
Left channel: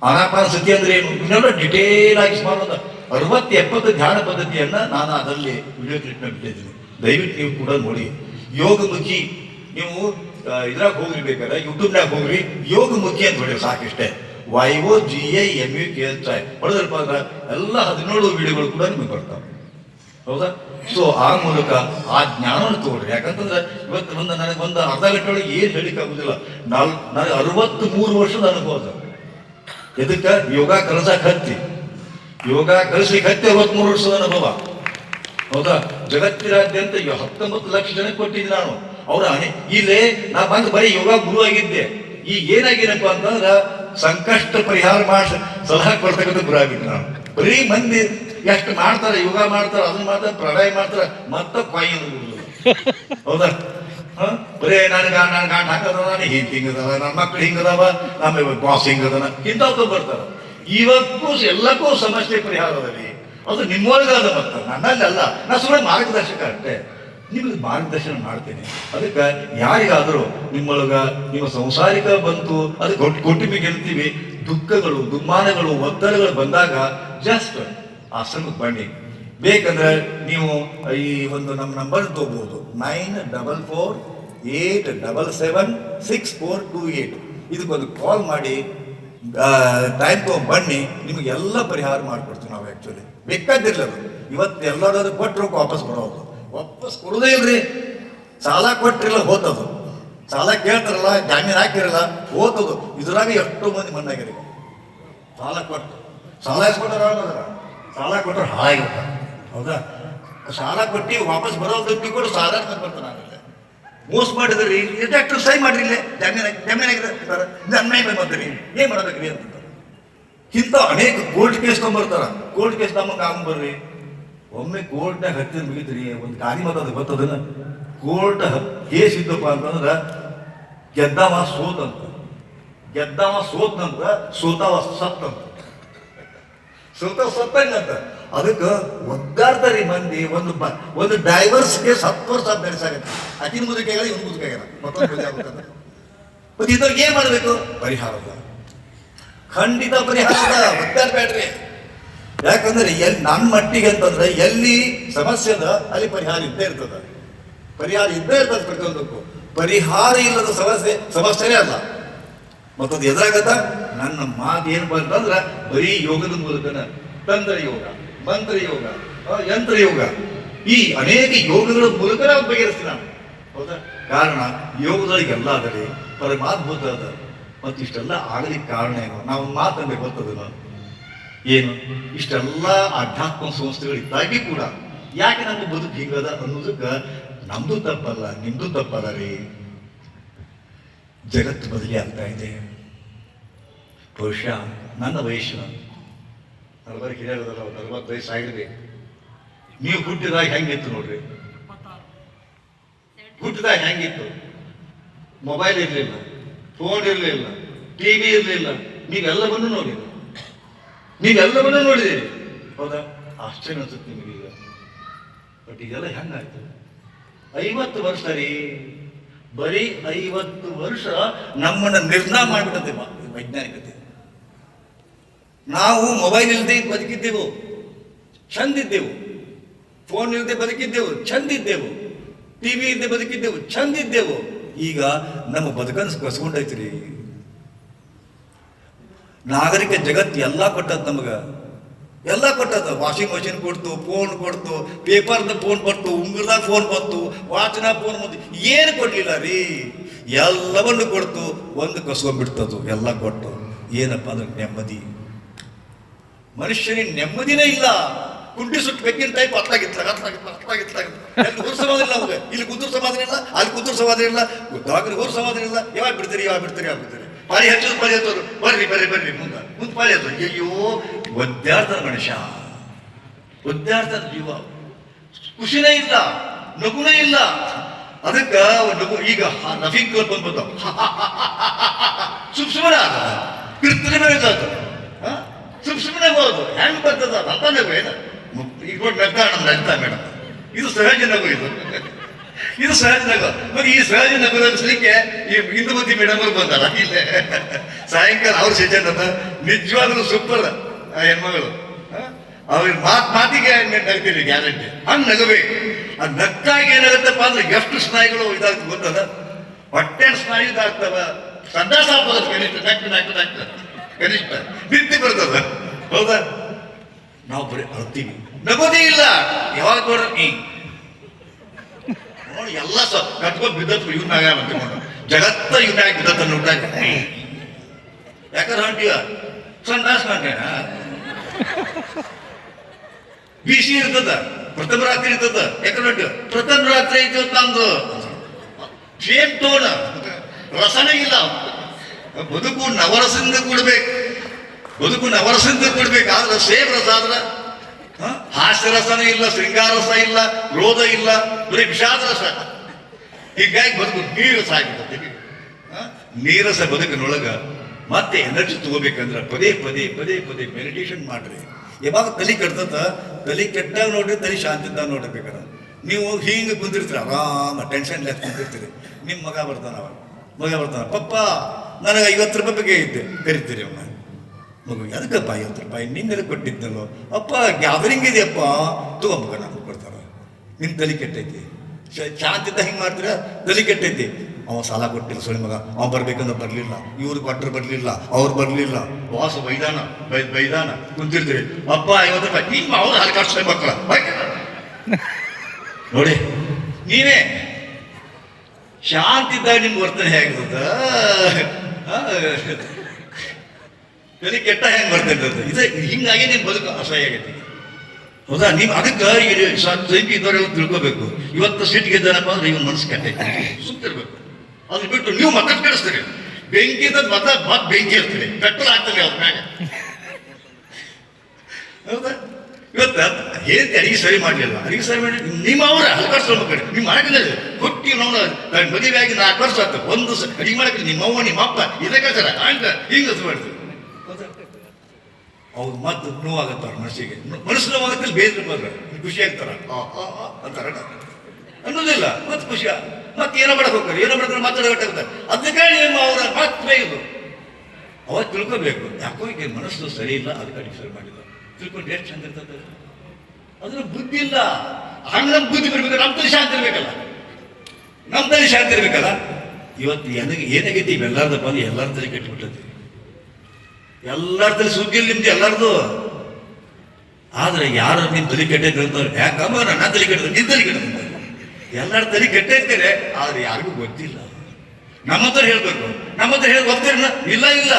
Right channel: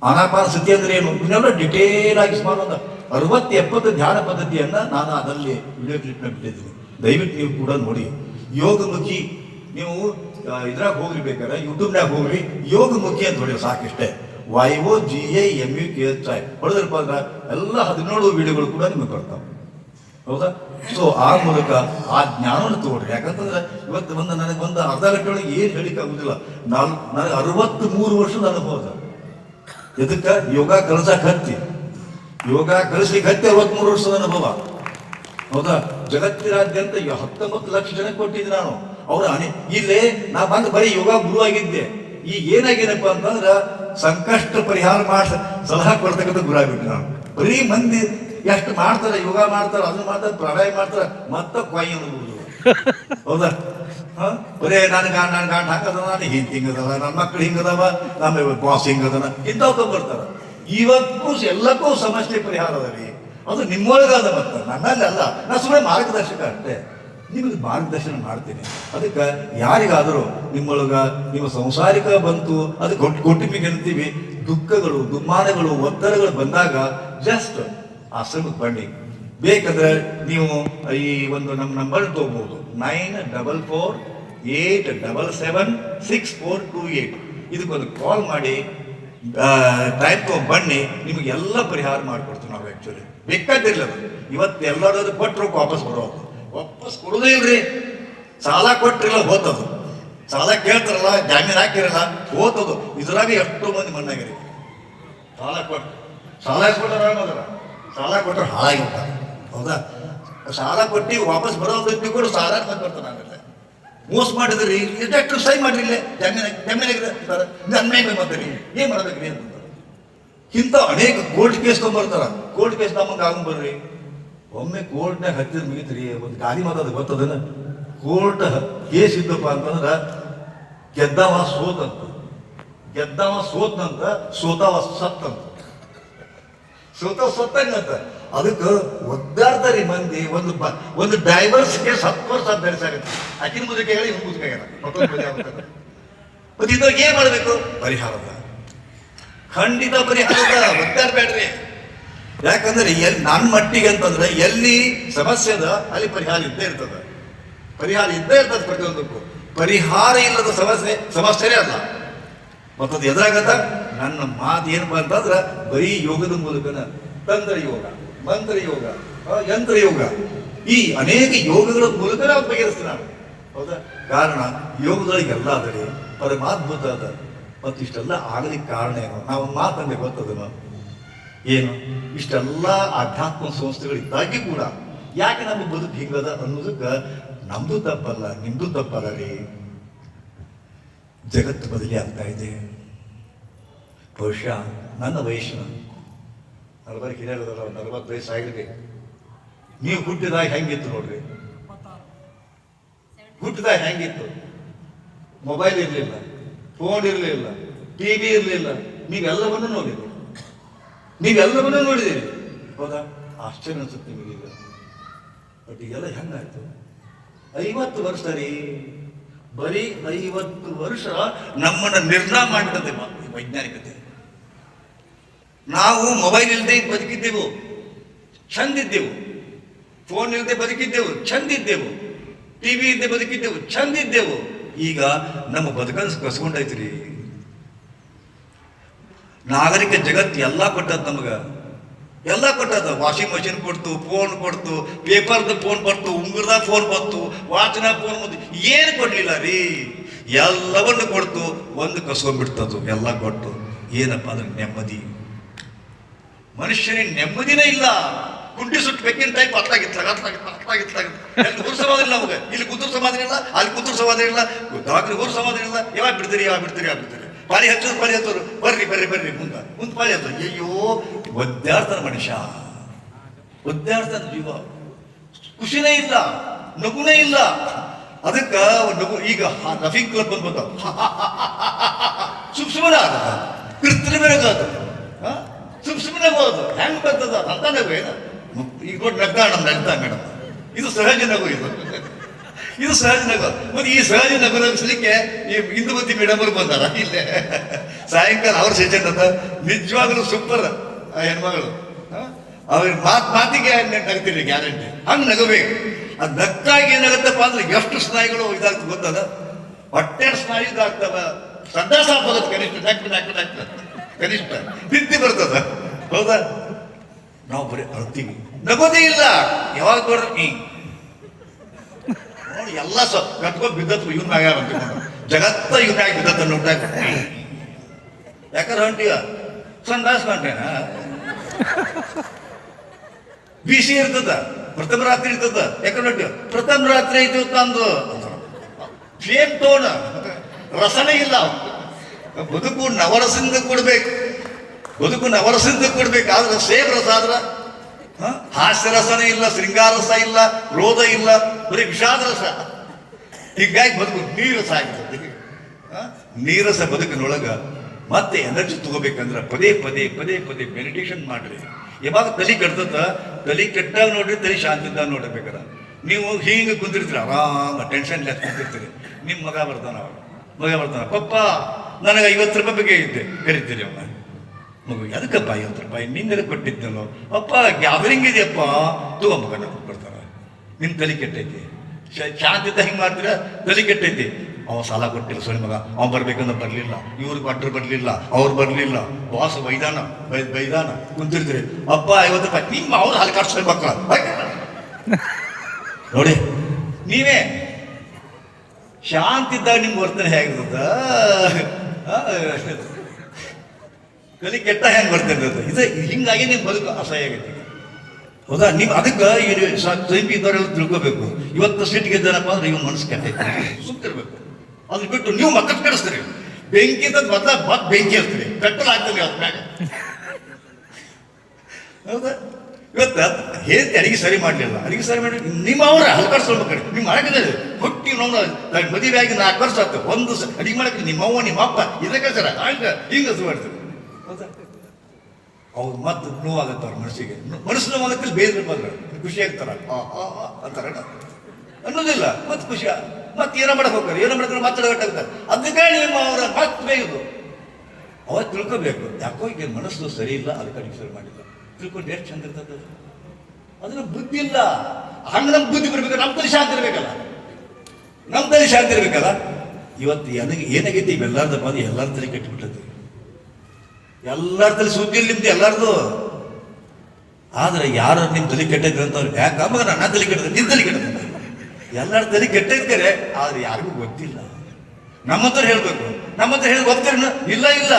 ಅನಾಪಾನ ಸತಿ ಅಂದ್ರೆ ಏನು? ಇನ್ನೆಲ್ಲ ಡಿಟೇಲ್ ಆಗಿ ಸುಮಾರು ಒಂದು ಅರವತ್ತು, ಎಪ್ಪತ್ತು ಧ್ಯಾನ ಪದ್ಧತಿಯನ್ನ ನಾನು ಅದರಲ್ಲಿ ವಿಡಿಯೋ ಕ್ಲಿಪ್ನ ಬಿಟ್ಟಿದ್ದೀನಿ. ದಯವಿಟ್ಟು ನೀವು ಕೂಡ ನೋಡಿ. ಯೋಗಮುಖಿ, ನೀವು ಇದ್ರಾಗ ಹೋಗಿರ್ಬೇಕಾದ್ರೆ ಯೂಟ್ಯೂಬ್ನಾಗ ಹೋಗ್ರಿ. ಮುಖ್ಯ ಅಂತ ಹೊಡಿ ಸಾಕಿಷ್ಟೇ. Y O G A M U K H I ಹೊಡೆದ್ರಪ್ಪ ಅಂದ್ರೆ ಎಲ್ಲ ಹದಿನೇಳು ವಿಡಿಯೋಗಳು ಕೂಡ ನಿಮಗೆ ಬರ್ತಾವೆ. ಹೌದಾ? ಸೊ ಆ ಮೂಲಕ ಆ ಜ್ಞಾನವನ್ನು ತಗೊಳ್ರಿ. ಯಾಕಂತಂದ್ರೆ ಇವತ್ತು ಒಂದು ನನಗೆ ಒಂದು ಅರ್ಧ ಗಂಟೆ ಒಳಗೆ ಏನು ಹೇಳಿಕ್ಕೆ ಆಗುದಿಲ್ಲ. ನಾಲ್, ನನಗೆ ಅರವತ್ತು ಮೂರು ವರ್ಷದ ಅನುಭವ ಇದಕ್ಕೆ ಯೋಗ ಕಲಸಕ್ಕೆ ಹತ್ತಿ. ಯೋಗ ಕಲಿಸ್ಲಿಕ್ಕೆ ಹತ್ತಿ ಅರವತ್ಮೂರು ವರ್ಷದ ಅನುಭವ. ಹೌದಾ? ಜಗತ್ತಿನಾದ್ಯಂತ ಹತ್ತೊಂಬತ್ತು ಲಕ್ಷ ಜನಕ್ಕೆ ಕೊಟ್ಟಿದ್ದೆ ನಾನು. ಅವ್ರ ಇಲ್ಲಿ ನಾ ಬಂದು ಬರೀ ಯೋಗ ಗುರು ಆಗಿದ್ದೆ. ಈಗ ಏನಾಗೇನಪ್ಪ ಅಂತಂದ್ರ ಸಂಕಷ್ಟ ಪರಿಹಾರ ಮಾಡ ಸಲಹಾ ಕೊಡ್ತಕ್ಕಂಥ ಗುರು ಆಗ್ಬಿಟ್ಟು ನಾನು. ಬರೀ ಮಂದಿ ಎಷ್ಟು ಮಾಡ್ತಾರೆ, ಯೋಗ ಮಾಡ್ತಾರೆ, ಅದನ್ನ ಮಾಡ್ತಾರೆ, ಪ್ರಾಣಾಯಾಮ ಮಾಡ್ತಾರೆ, ಮತ್ತೆ ಕೊಯ್ಯ ಹೌದಾ? ಬರೇ ನನಗೆ ನನ್ನ ಗಂಡ ಹಾಕದ ನಾನು ಹಿಂಗೆ ಹಿಂಗದವ ನನ್ನ ಮಕ್ಳು ಹಿಂಗದವ ನಮ್ಮ ಬಾಸ್ ಹಿಂಗದನ ಇಂಥವ್ದು ಬರ್ತಾರ. ಇವತ್ತು ಎಲ್ಲಕ್ಕೂ ಸಮಸ್ಯೆ ಪರಿಹಾರ ಅದರಿ ಅದು ನಿಮ್ಮೊಳಗಾದ ಭಕ್ತ, ನನ್ನಲ್ಲಿ ಅಲ್ಲ. ನಾ ಸುಮ್ಮನೆ ಮಾರ್ಗದರ್ಶಕ ಅಷ್ಟೇ. ನಿಮಗೆ ಮಾರ್ಗದರ್ಶನ ಮಾಡ್ತೀನಿ. ಅದಕ್ಕೆ ಯಾರಿಗಾದರೂ ನಿಮ್ಮೊಳಗ ನಿಮ್ಮ ಸಂಸಾರಿಕ ಬಂತು, ಅದು ಕೊಟ್ಟು ಕೊಟ್ಟಿಗೆ ಅಂತೀವಿ ದುಃಖಗಳು ದುಮ್ಮಾನಗಳು ಒತ್ತಡಗಳು ಬಂದಾಗ ಜಸ್ಟ್ ಆಶ್ರಮಕ್ಕೆ ಬನ್ನಿ ಬೇಕಂದ್ರೆ ನೀವು ಈ ಒಂದು ನಮ್ಮ ನಂಬರ್ ತಗೋಬಹುದು. Nine double four eight double seven six four two eight ಇದಕ್ಕೊಂದು ಕಾಲ್ ಮಾಡಿ ಟೈಮ್ ತಗೊಂಡು ಬನ್ನಿ ನಿಮಗೆಲ್ಲ ಪರಿಹಾರ ಮಾಡಿಕೊಡ್ತೀವಿ ನಾವು ಆ್ಯಕ್ಚುಲಿ ಬೇಕಾದಿಲ್ಲ ಇವತ್ತು ಎಲ್ಲರೂ ಕೊಟ್ಟರು ವಾಪಸ್ ಬರೋದು. ವಾಪಸ್ ಕೊಡೋದೇ ಇಲ್ರಿ. ಸಾಲ ಕೊಟ್ಟಿರಲ್ಲ ಹೋತದು. ಸಾಲ ಕೇಳ್ತಾರಲ್ಲ, ಜಾಮೀನು ಹಾಕಿರಲ್ಲ, ಹೋತದು. ಇದ್ರಾಗ ಎಷ್ಟು ಮಂದಿ ಮಣ್ಣಾಗಿರಿ. ಸಾಲ ಕೊಟ್ಟು ಸಾಲ ಕೊಟ್ಟರೆ ಸಾಲ ಕೊಟ್ಟರೆ ಹಾಳಾಗಿರ್ತಾರೆ. ಹೌದಾ? ಸಾಲ ಕೊಟ್ಟು ವಾಪಸ್ ಬರೋ ಕೂಡ ಸಾಲ ಬರ್ತಾನೆ ಆಗಲ್ಲ ಮೋಸ ಮಾಡಿದ್ರಿ ಎಷ್ಟು ಸೈ ಮಾಡ್ರಿ ಇಲ್ಲೇ? ಜಾಮೀನ್ ಆಗಿದೆ ಸರ್ ಅನ್ಯಾಯ ಮಾಡ್ತೀರಿ ಏನ್ ಮಾಡಬೇಕು ಅಂತ ಇಂಥ ಅನೇಕ ಕೋರ್ಟ್ ಕೇಸ್ ತಗೊಂಡ್ಬರ್ತಾರ ಕೋರ್ಟ್ ಕೇಸ್ ನಮಗೆ ಒಮ್ಮೆ ಕೋರ್ಟ್ನಾಗ ಹತ್ತಿರ ಮುಗಿತ್ರಿ ಒಂದು ಗಾದಿ ಮಾತಾದ ಗೊತ್ತದನ್ನ ಕೋರ್ಟ್ ಕೇಸ್ ಇದ್ದಪ್ಪ ಅಂತಂದ್ರೆ, ಗೆದ್ದವ ಸೋತಂತ ಗೆದ್ದವ ಸೋತಂತ ಸೋತವ ಸತ್ತಂತ ಸೋತ ಸತ್ತಂಗಂತ ಅದಕ್ಕೆ ಒದ್ದಾಡ್ತಾರೆ ಮಂದಿ, ಒಂದು ಒಂದು ಡೈವರ್ಸ್ ಕೇಸ್ ಹತ್ತು ವರ್ಷ ಧರಿಸಾಗತ್ತೆ ಆಕಿನ ಮುದುಕೆ ಹೇಳಿ ಇವ್ರ ಮುದುಕೆ. ಮತ್ತೆ ಇದ್ರಾಗ ಏನ್ ಮಾಡ್ಬೇಕು? ಪರಿಹಾರದ ಖಂಡಿತ ಪರಿಹಾರ ಒದ್ದಾಡ್ಬೇಡ್ರಿ. ಯಾಕಂದ್ರೆ ಎಲ್ಲಿ ನನ್ನ ಮಟ್ಟಿಗೆ ಅಂತಂದ್ರೆ ಎಲ್ಲಿ ಸಮಸ್ಯೆ ಅದ ಅಲ್ಲಿ ಪರಿಹಾರ ಇದ್ದೇ ಇರ್ತದ. ಪರಿಹಾರ ಇದ್ದೇ ಇರ್ತದೆ ಪ್ರತಿಯೊಂದಕ್ಕೂ. ಪರಿಹಾರ ಇಲ್ಲದ ಸಮಸ್ಯೆ ಸಮಸ್ಯೆನೇ ಅಲ್ಲ. ಮತ್ತೊಂದು ಎದುರಾಗತ್ತ? ನನ್ನ ಮಾತು ಏನಪ್ಪ ಅಂತಂದ್ರೆ ಬರೀ ಯೋಗದ ಮೂಲಕನ. ತಂತ್ರ ಯೋಗ, ಮಂತ್ರ ಯೋಗ ಯಂತ್ರ ಯೋಗ. ಈ ಅನೇಕ ಯೋಗಗಳ ಮೂಲಕ ನಾವು ಬಗೆಹರಿಸ್ತೀನಿ ನಾನು. ಹೌದಾ? ಕಾರಣ ಯೋಗದೊಳಗೆ ಎಲ್ಲ ಅದರಿ ಪರಮಾದ್ಭುತ ಅದ. ಮತ್ತಿಷ್ಟೆಲ್ಲ ಆಗಲಿಕ್ಕೆ ಕಾರಣ ಏನು? ನಾವು ಮಾತಂದ್ರೆ ಗೊತ್ತದಲ್ಲ ಏನು? ಇಷ್ಟೆಲ್ಲ ಸಂಸ್ಥೆಗಳು ಇದ್ದಾಗಿ ಕೂಡ. ಯಾಕೆ ನಮ್ಮ ಬದುಕು ಹಿಂಗದ ಅನ್ನೋದಕ್ಕೆ ನಮ್ದು ತಪ್ಪಲ್ಲ, ನಿಮ್ದು ತಪ್ಪಲ್ಲ ರೀ. ಜಗತ್ತು ಬದಲಿ ಆಗ್ತಾ ಇದೆ. ಬಹುಶಃ ನನ್ನ ವಯಸ್ಸು ನಲವತ್ತು ಹಿರಿಯರದಲ್ಲ ನಲವತ್ತು ವಯಸ್ಸು ಆಗಿರಲಿ ನೀವು ಹುಟ್ಟಿದಾಗ ಹೆಂಗಿತ್ತು ನೋಡ್ರಿ? ಹುಟ್ಟಿದಾಗ ಹೆಂಗಿತ್ತು? ಮೊಬೈಲ್ ಇರಲಿಲ್ಲ ಫೋನ್ ಇರಲಿಲ್ಲ ಟಿ ವಿ ಇರಲಿಲ್ಲ, ನೀವೆಲ್ಲವನ್ನೂ ನೋಡಿರಿ ನೀವೆಲ್ಲವನ್ನೂ ನೋಡಿದ್ದೀರಿ ಹೌದಾ? ಆಶ್ಚರ್ಯ ಅನ್ಸುತ್ತೆ ಈಗ. ಬಟ್ ಇದೆಲ್ಲ ಹೆಂಗಾಯ್ತು? ಐವತ್ತು ವರ್ಷ ರೀ. ಬರೀ ಐವತ್ತು ವರ್ಷ ನಮ್ಮನ್ನು ನಿರ್ಣಯ ಮಾಡಿಬಿಡುತ್ತೆ ವೈಜ್ಞಾನಿಕತೆ. ನಾವು ಮೊಬೈಲ್ ಇಲ್ಲದೆ ಬದುಕಿದ್ದೆವು. ಚಂದಿದ್ದೆವು. ಫೋನ್ ಇಲ್ಲದೆ ಬದುಕಿದ್ದೆವು. ಚಂದಿದ್ದೆವು. ಟಿ ವಿ ಇಲ್ಲದೆ ಬದುಕಿದ್ದೆವು. ಚಂದಿದ್ದೆವು. ಈಗ ನಮ್ಮ ಬದುಕನ್ನು ಕಸ್ಕೊಂಡೈತ್ರಿ ನಾಗರಿಕ ಜಗತ್ತು ಎಲ್ಲ ಕೊಟ್ಟದ ನಮಗೆ. ಎಲ್ಲ ಕೊಟ್ಟದ ವಾಷಿಂಗ್ ಮಷಿನ್ ಕೊಡ್ತು ಫೋನ್ ಕೊಡ್ತು ಪೇಪರ್ದ ಫೋನ್ ಕೊಡ್ತು ಉಂಗುರದಾಗ ಫೋನ್ ಬಂತು ವಾಚನ ಫೋನ್ ಬಂತು ಏನು ಕೊಡ್ಲಿಲ್ಲ ರೀ? ಎಲ್ಲವನ್ನು ಕೊಡ್ತು. ಒಂದು ಕಸ್ಕೊಂಡ್ಬಿಡ್ತದು ಎಲ್ಲ ಕೊಟ್ಟು. ಏನಪ್ಪ ಅಂದ್ರೆ ನೆಮ್ಮದಿ. ಮನುಷ್ಯನಿಗೆ ನೆಮ್ಮದಿನೇ ಇಲ್ಲ. ಕುಂಟಿ ಸುಟ್ಟು ಬೆಕ್ಕಿನ ಟೈಪ್ ಸಮಾಧಾನ ಇಲ್ಲ ನಮ್ಗೆ. ಇಲ್ಲಿ ಕುದುರ್ ಸಮಾಧಾನ ಇಲ್ಲ, ಅಲ್ಲಿ ಕುದುರ್ ಸಮಾಧಾನ ಇಲ್ಲ. ಡಾಕ್ಟರ್ ಹೋರ್ ಸಮಾಧಾನ ಇಲ್ಲ. ಯಾವಾಗ ಬಿಡ್ತೀರಿ ಯಾವಾಗ ಬಿಡ್ತೀರಿ ಯಾವಾಗ ಬಿಡ್ತೀರಿ? ಪಾಳಿ ಹಚ್ಚೋದು ಪಾಳಿ ಹಚ್ಚೋದು ಬರ್ರಿ ಬರ್ರಿ ಬರ್ರಿ ಮುಂದ. ಮುಂದೆ ಪಾಳಿ ಹಚ್ಚೋದು ಅಯ್ಯೋ ಒದ್ದಾಡ್ತಾರ ಮನುಷ್ಯ. ಒದ್ದಾಡ್ತಾರ ಜೀವ. ಖುಷಿನೇ ಇಲ್ಲ, ನಗುನೇ ಇಲ್ಲ. ಅದಕ್ಕ ನಗು, ಈಗ ರಫೀಕ್ ಬಂದ್ಬಿಟ್ಟು ಸುಮ್ ಸುಮ್ಮನೆ ಆದ. ಕೃತ್ರಿಮ ಆದ ಸುಮ್ ಹೋದು. ಹೆಂಗ್ ಬರ್ತದ? ಅರ್ಥ ನಗು ಏನು ಈಗ ನೋಡಿ ನಗ್ತಾ ಆಡೋದು ನಗ್ತಾ ಮೇಡಮ್ ಇದು ಸಹಜ ನಗು ಇದು. ಇದು ಸಹಜ ನಗರ ಮತ್ತೆ ಈ ಸಹಜ ನಗರ ಅನಿಸ್ಲಿಕ್ಕೆ ಈ ಇಂದುಮತಿ ಮೇಡಮ್ ಅವರು ಬಂದಾರ. ಇಲ್ಲ. ಸಾಯಂಕಾಲ ಅವ್ರ ಸೆಷನ್ ಅಂತ ನಿಜವಾಗ್ಲೂ ಸೂಪರ್ ಹೆಣ್ಮಗಳು? ಅವ್ರ ಮಾತ್ ಮಾತಿಗೆ ನ- ನಗ್ತೀರಿ ಗ್ಯಾರಂಟಿ ಹಂಗ್ ನಗಬೇಕು. ಅದ್ ನಕ್ಕಾಗಿ ಏನಾಗುತ್ತಪ್ಪ ಅಂದ್ರೆ ಎಷ್ಟು ಸ್ನಾಯುಗಳು ಇದಾಗ್ತದೆ ಗೊತ್ತದ ಹೊಟ್ಟೆ ಸ್ನಾಯು ಇದಾಗ್ತದ ಸಂದಾಸ ಆಗ್ಬೋದು. ಕನಿಷ್ಠ. ನಕ್ಕ ನಕ್ಕ ನಕ್ಕ ಕನಿಷ್ಠ. ಬಿತ್ತಿ ಬರ್ತದ. ಹೌದಾ? ನಾವು ಬರೀ ಅಳ್ತೀವಿ. ನಗೋದೇ ಇಲ್ಲ. ಯಾವಾಗ ನೋಡ್ರಿ ನೋಡಿ ಎಲ್ಲ ಸ ಕಟ್ಕೊಂಡು ಬಿದ್ದತ್ತು ಇವ್ನಾಗ ಜಗತ್ತ ಇವ್ನಾಗ ಬಿದ್ದತ್ತ ಇದ್ದೀನಿ. ಯಾಕಂದ್ರೆ ಹೊಂಟಿವ ಸಂಡಾಸ್ ಮಾಡ್ಯಾನ ಬಿಸಿ ಇರ್ತದ. ಪ್ರಥಮ ರಾತ್ರಿ ಇರ್ತದ. ಯಾಕಂದ್ರೆ ಹೊಂಟಿವ ಪ್ರಥಮ ರಾತ್ರಿ ಐತಿ ನಮ್ದು. ಸೇಮ್ ಟೋನ್ ರಸನೇ ಇಲ್ಲ. ಬದುಕು ನವರಸದಿಂದ ಕೊಡ್ಬೇಕು. ಬದುಕು ನವರಸದಿಂದ ಕೊಡ್ಬೇಕು. ಆದ್ರೆ ಸೇಮ್ ರಸ ಆದ್ರ ಹ? ಹಾಸ್ಯ ಇಲ್ಲ, ಶೃಂಗಾರಸ ಇಲ್ಲ ಕ್ರೋಧ ಇಲ್ಲ, ಬರೀ ವಿಷಾದರಸ. ಹೀಗಾಗಿ ಬದುಕು ನೀರಸ ಹ? ನೀರಸ ಬದುಕಿನೊಳಗ ಮತ್ತೆ ಎನರ್ಜಿ ತಗೋಬೇಕಂದ್ರೆ ಪದೇ ಪದೇ ಪದೇ ಪದೇ ಮೆಡಿಟೇಷನ್ ಮಾಡ್ರಿ. ಯಾವಾಗ ತಲೆ ಕೆಡ್ತದ? ತಲೆ ಕೆಟ್ಟಾಗ ನೋಡ್ರಿ, ತಲೆ ಶಾಂತಿದಾಗ ನೋಡ್ಬೇಕಾರ ನೀವು ಹೀಗೆ ಕುಂದಿರ್ತೀರ, ಆರಾಮ ಟೆನ್ಷನ್ ಲೆಕ್ಕ ಕುಂದಿರ್ತೀರಿ. ನಿಮ್ಮ ಮಗ ಬರ್ತಾನ ಮಗ ಬರ್ತಾನ, ಪಪ್ಪ, ನನಗೆ ಐವತ್ತು ರೂಪಾಯಿ ಬೇಕಾಗಿದ್ದೆ ಕರಿತೀರಿ ಅವನ್ನ ಮಗು ಎದಕ್ಕಪ್ಪ ಐವತ್ತು ರೂಪಾಯಿ ನಿನ್ನೆಲ್ಲ ಕೊಟ್ಟಿದ್ದನು. ಅಪ್ಪ ಗ್ಯಾದರಿಂಗ್ ಇದೆಯಪ್ಪ ತಗೊಂಬ ನಾವು ಕೊಡ್ತಾರ. ನಿನ್ನ ತಲೆ ಕೆಟ್ಟೈತಿ. ಶ- ಶಾಂತಿದ್ದ ಹಿಂಗೆ ಮಾಡ್ತೀರಾ? ತಲೆ ಕೆಟ್ಟೈತಿ. ಅವ ಸಾಲ ಕೊಟ್ಟಿಲ್ಲ ಸೊಳ್ಳೆ ಮಗ. ಅವ ಬರ್ಬೇಕಂದ್ರೆ ಬರಲಿಲ್ಲ. ಇವ್ರು ಕೊಟ್ಟರು ಬರಲಿಲ್ಲ. ಅವ್ರು ಬರಲಿಲ್ಲ. ವಾಸ ಬೈದಾನ ಬೈ ಬೈದಾನ ಕುಂತಿರ್ತೀವಿ. ಅಪ್ಪ, ಐವತ್ತು ರೂಪಾಯಿ. ನಿಮ್ಮ ಅವ್ರು ಹಲ್ಕಾಡ್ಸೋ ಮಕ್ಕಳ. ನೋಡಿ, ನೀವೇ. ಶಾಂತಿ ಇದ್ದಾಗ ನಿಮ್ಗೆ ವರ್ತನೆ ಹೇಗಿರ್ತದ ತಲೆ ಕೆಟ್ಟ ಹೆಂಗ್ ಬರ್ತಿರ್ತದೆ ಇದು ಹಿಂಗಾಗಿ ನಿಮ್ ಬದುಕು ಅಸಹ್ಯ ಆಗೈತಿ. ಹೌದಾ? ನೀವು ಅದಕ್ಕೆ ಈಗ ಸೈಪಿ ಇದ್ದವ್ರು ತಿಳ್ಕೋಬೇಕು. ಇವತ್ತು ಸಿಟ್ಟಿಗೆ ಇದ್ದಾನಪ್ಪ ಅಂದ್ರೆ ಇವನ್ ಮನಸ್ಸು ಕೆಟ್ಟೈತಿ ಸುತ್ತಿರ್ಬೇಕು ಅದ್ರ ಬಿಟ್ಟು ನೀವು ಮಕ್ಕ ಕೆಡಿಸ್ತೀರಿ ಬೆಂಕಿ ಇದ್ದ ಮತ ಬೆಂಕಿ ಇರ್ತೀರಿ ಪೆಟ್ರೋಲ್ ಹಾಕ್ತೀರಿ ಅದ್ರ ಮ್ಯಾಗ. ಹೌದಾ? ಇವತ್ತು ಹೇಳ್ತಿ, ಅಡಿಗೆ ಸರಿ ಮಾಡಲಿಲ್ಲ. ಅಡಿಗೆ ಸರಿ ಮಾಡಿ ನಿಮ್ಮ ಅವರ ಹಲವಾರು ಒಂದು ಕಡೆ. ನಿಮ್ಮ ಮಾಡಿದ್ರೆ ಹುಟ್ಟಿ ನೋಡ ಮದುವೆ ಆಗಿ ನಾಲ್ಕು ವರ್ಷ ಆಗ್ತದೆ ಒಂದು ಅಡಿಗೆ ಮಾಡಕ್ಕೆ ನಿಮ್ಮ ಅವ್ವ, ನಿಮ್ಮ ಅಪ್ಪ ಇದಕ್ಕೆ ಸರ. ಹಂಗ ಹಿಂಗ ಮಾಡ್ತೀವಿ ಅವ್ರು ಮತ್ತೆ ನೋವಾಗತ್ತಾರ ಮನಸ್ಸಿಗೆ. ಮನಸ್ಸು ನೋವಾಗತ್ತಲ್ಲಿ ಬೇರೆ ಬಂದ್ರೆ ಖುಷಿ ಆಗ್ತಾರ. ಅಂತಾರ ಅನ್ನೋದಿಲ್ಲ. ಮತ್ತೆ ಖುಷಿ. ಮತ್ತೆ ಏನೋ ಮಾಡಬೇಕು ಹೋಗ್ತಾರೆ ಏನೋ ಮಾಡಿದ್ರೆ ಮತ್ತೆ ಹೊಟ್ಟಾಗ್ತಾರೆ ಅದಕ್ಕೆ ನಿಮ್ಮ ಅವರ ಮಾತು ಬೈದು ಅವಾಗ ತಿಳ್ಕೊಬೇಕು. ಯಾಕೋ ಈಗ ಮನಸ್ಸು ಸರಿ ಇಲ್ಲ ಅದಕ್ಕೆ ಶುರು ಮಾಡಿಲ್ಲ ತಿಳ್ಕೊಂಡು ಎಷ್ಟು ಚಂದ ಇರ್ತದೆ? ಅದ್ರ ಬುದ್ಧಿ ಇಲ್ಲ. ಹಂಗೆ ನಮ್ ಬುದ್ಧಿ ಬರ್ಬೇಕು. ನಮ್ಮ ತಲೆ ಶಾಂತಿ ಇರ್ಬೇಕಲ್ಲ. ನಮ್ಮ ತಲೆ ಶಾಂತಿ ಇರ್ಬೇಕಲ್ಲ. ಇವತ್ತು ಏನಾಗಿ ಏನಾಗೈತಿ? ಇವೆಲ್ಲರದ ಬಂದು ಎಲ್ಲರ ತಲೆ ಕೆಟ್ಟುಬಿಟ್ಟೈತಿ ಎಲ್ಲರ ತಲೆ ಸುದ್ದಿ ಇಲ್ಲ ನಿಮ್ದು, ಎಲ್ಲರದು. ಆದ್ರೆ ಯಾರು ನಿಮ್ ತಲೆ ಕೆಟ್ಟೈತೆ ಅಂತ ಯಾಕಮ್ಮ, ನನ್ನ ತಲೆ ಕೆಟ್ಟದ ನಿನ್ ತಲೆ ಕೆಟ್ಟ ಎಲ್ಲರ ತಲೆ ಕೆಟ್ಟೈತಾರೆ ಆದ್ರೆ ಯಾರಿಗೂ ಗೊತ್ತಿಲ್ಲ. ನಮ್ಮ ಹತ್ರ ಹೇಳ್ಬೇಕು. ನಮ್ಮ ಹತ್ರ ಹೇಳಿ ಗೊತ್ತಿರ ಇಲ್ಲ ಇಲ್ಲ.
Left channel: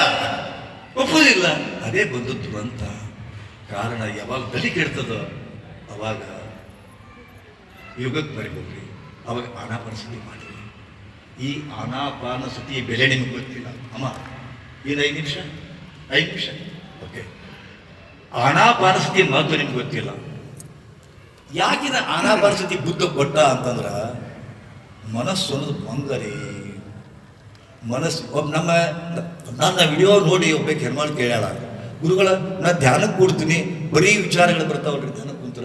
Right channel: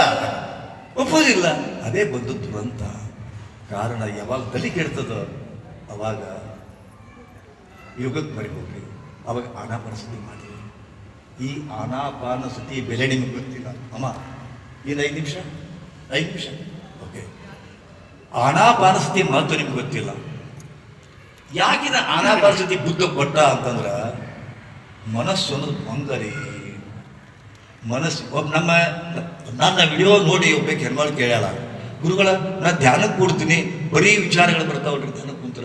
ಒಪ್ಪೋದಿಲ್ಲ. ಅದೇ ಬಂದದ್ದು ಅಂತ. ಕಾರಣ ಯಾವಾಗ ತಲೆ ಕೆಡ್ತದ ಅವಾಗ ಯುಗಕ್ಕೆ ಬರಿಬೋಗ್ರಿ ಅವಾಗ ಆನಾಪಾನಸತಿ ಮಾಡಿ ಈ ಆನಾಪಾನ ಸತಿ ಬೆಲೆ ನಿಮ್ಗೆ ಗೊತ್ತಿಲ್ಲ. ಅಮ್ಮ ಏನು ಐದು ನಿಮಿಷ. ಐದು ನಿಮಿಷ. ಓಕೆ. ಆನಾಪಾನಸತಿ ಮಹತ್ವ ನಿಮ್ಗೆ ಗೊತ್ತಿಲ್ಲ. ಯಾಕಿದ ಆನಾಪಾನಸತಿ ಬುದ್ಧ ಕೊಟ್ಟ ಅಂತಂದ್ರೆ ಮನಸ್ಸು ಅನ್ನೋದು ಬಂಗರಿ ಮನಸ್ಸು ಒಬ್ಬ ನಮ್ಮ, ನನ್ನ ವಿಡಿಯೋ ನೋಡಿ ಒಬ್ಬ ಹೆಣ್ಮಾಳು ಕೇಳ್ಯಾಳ, ಗುರುಗಳ, ನಾ ಧ್ಯಾನಕ್ಕೆ ಕೂಡ್ತೀನಿ, ಬರೀ ವಿಚಾರಗಳು ಬರ್ತಾವಲ್ರಿ ಧ್ಯಾನಕ್ಕೆ ಕುಂತ್ರ.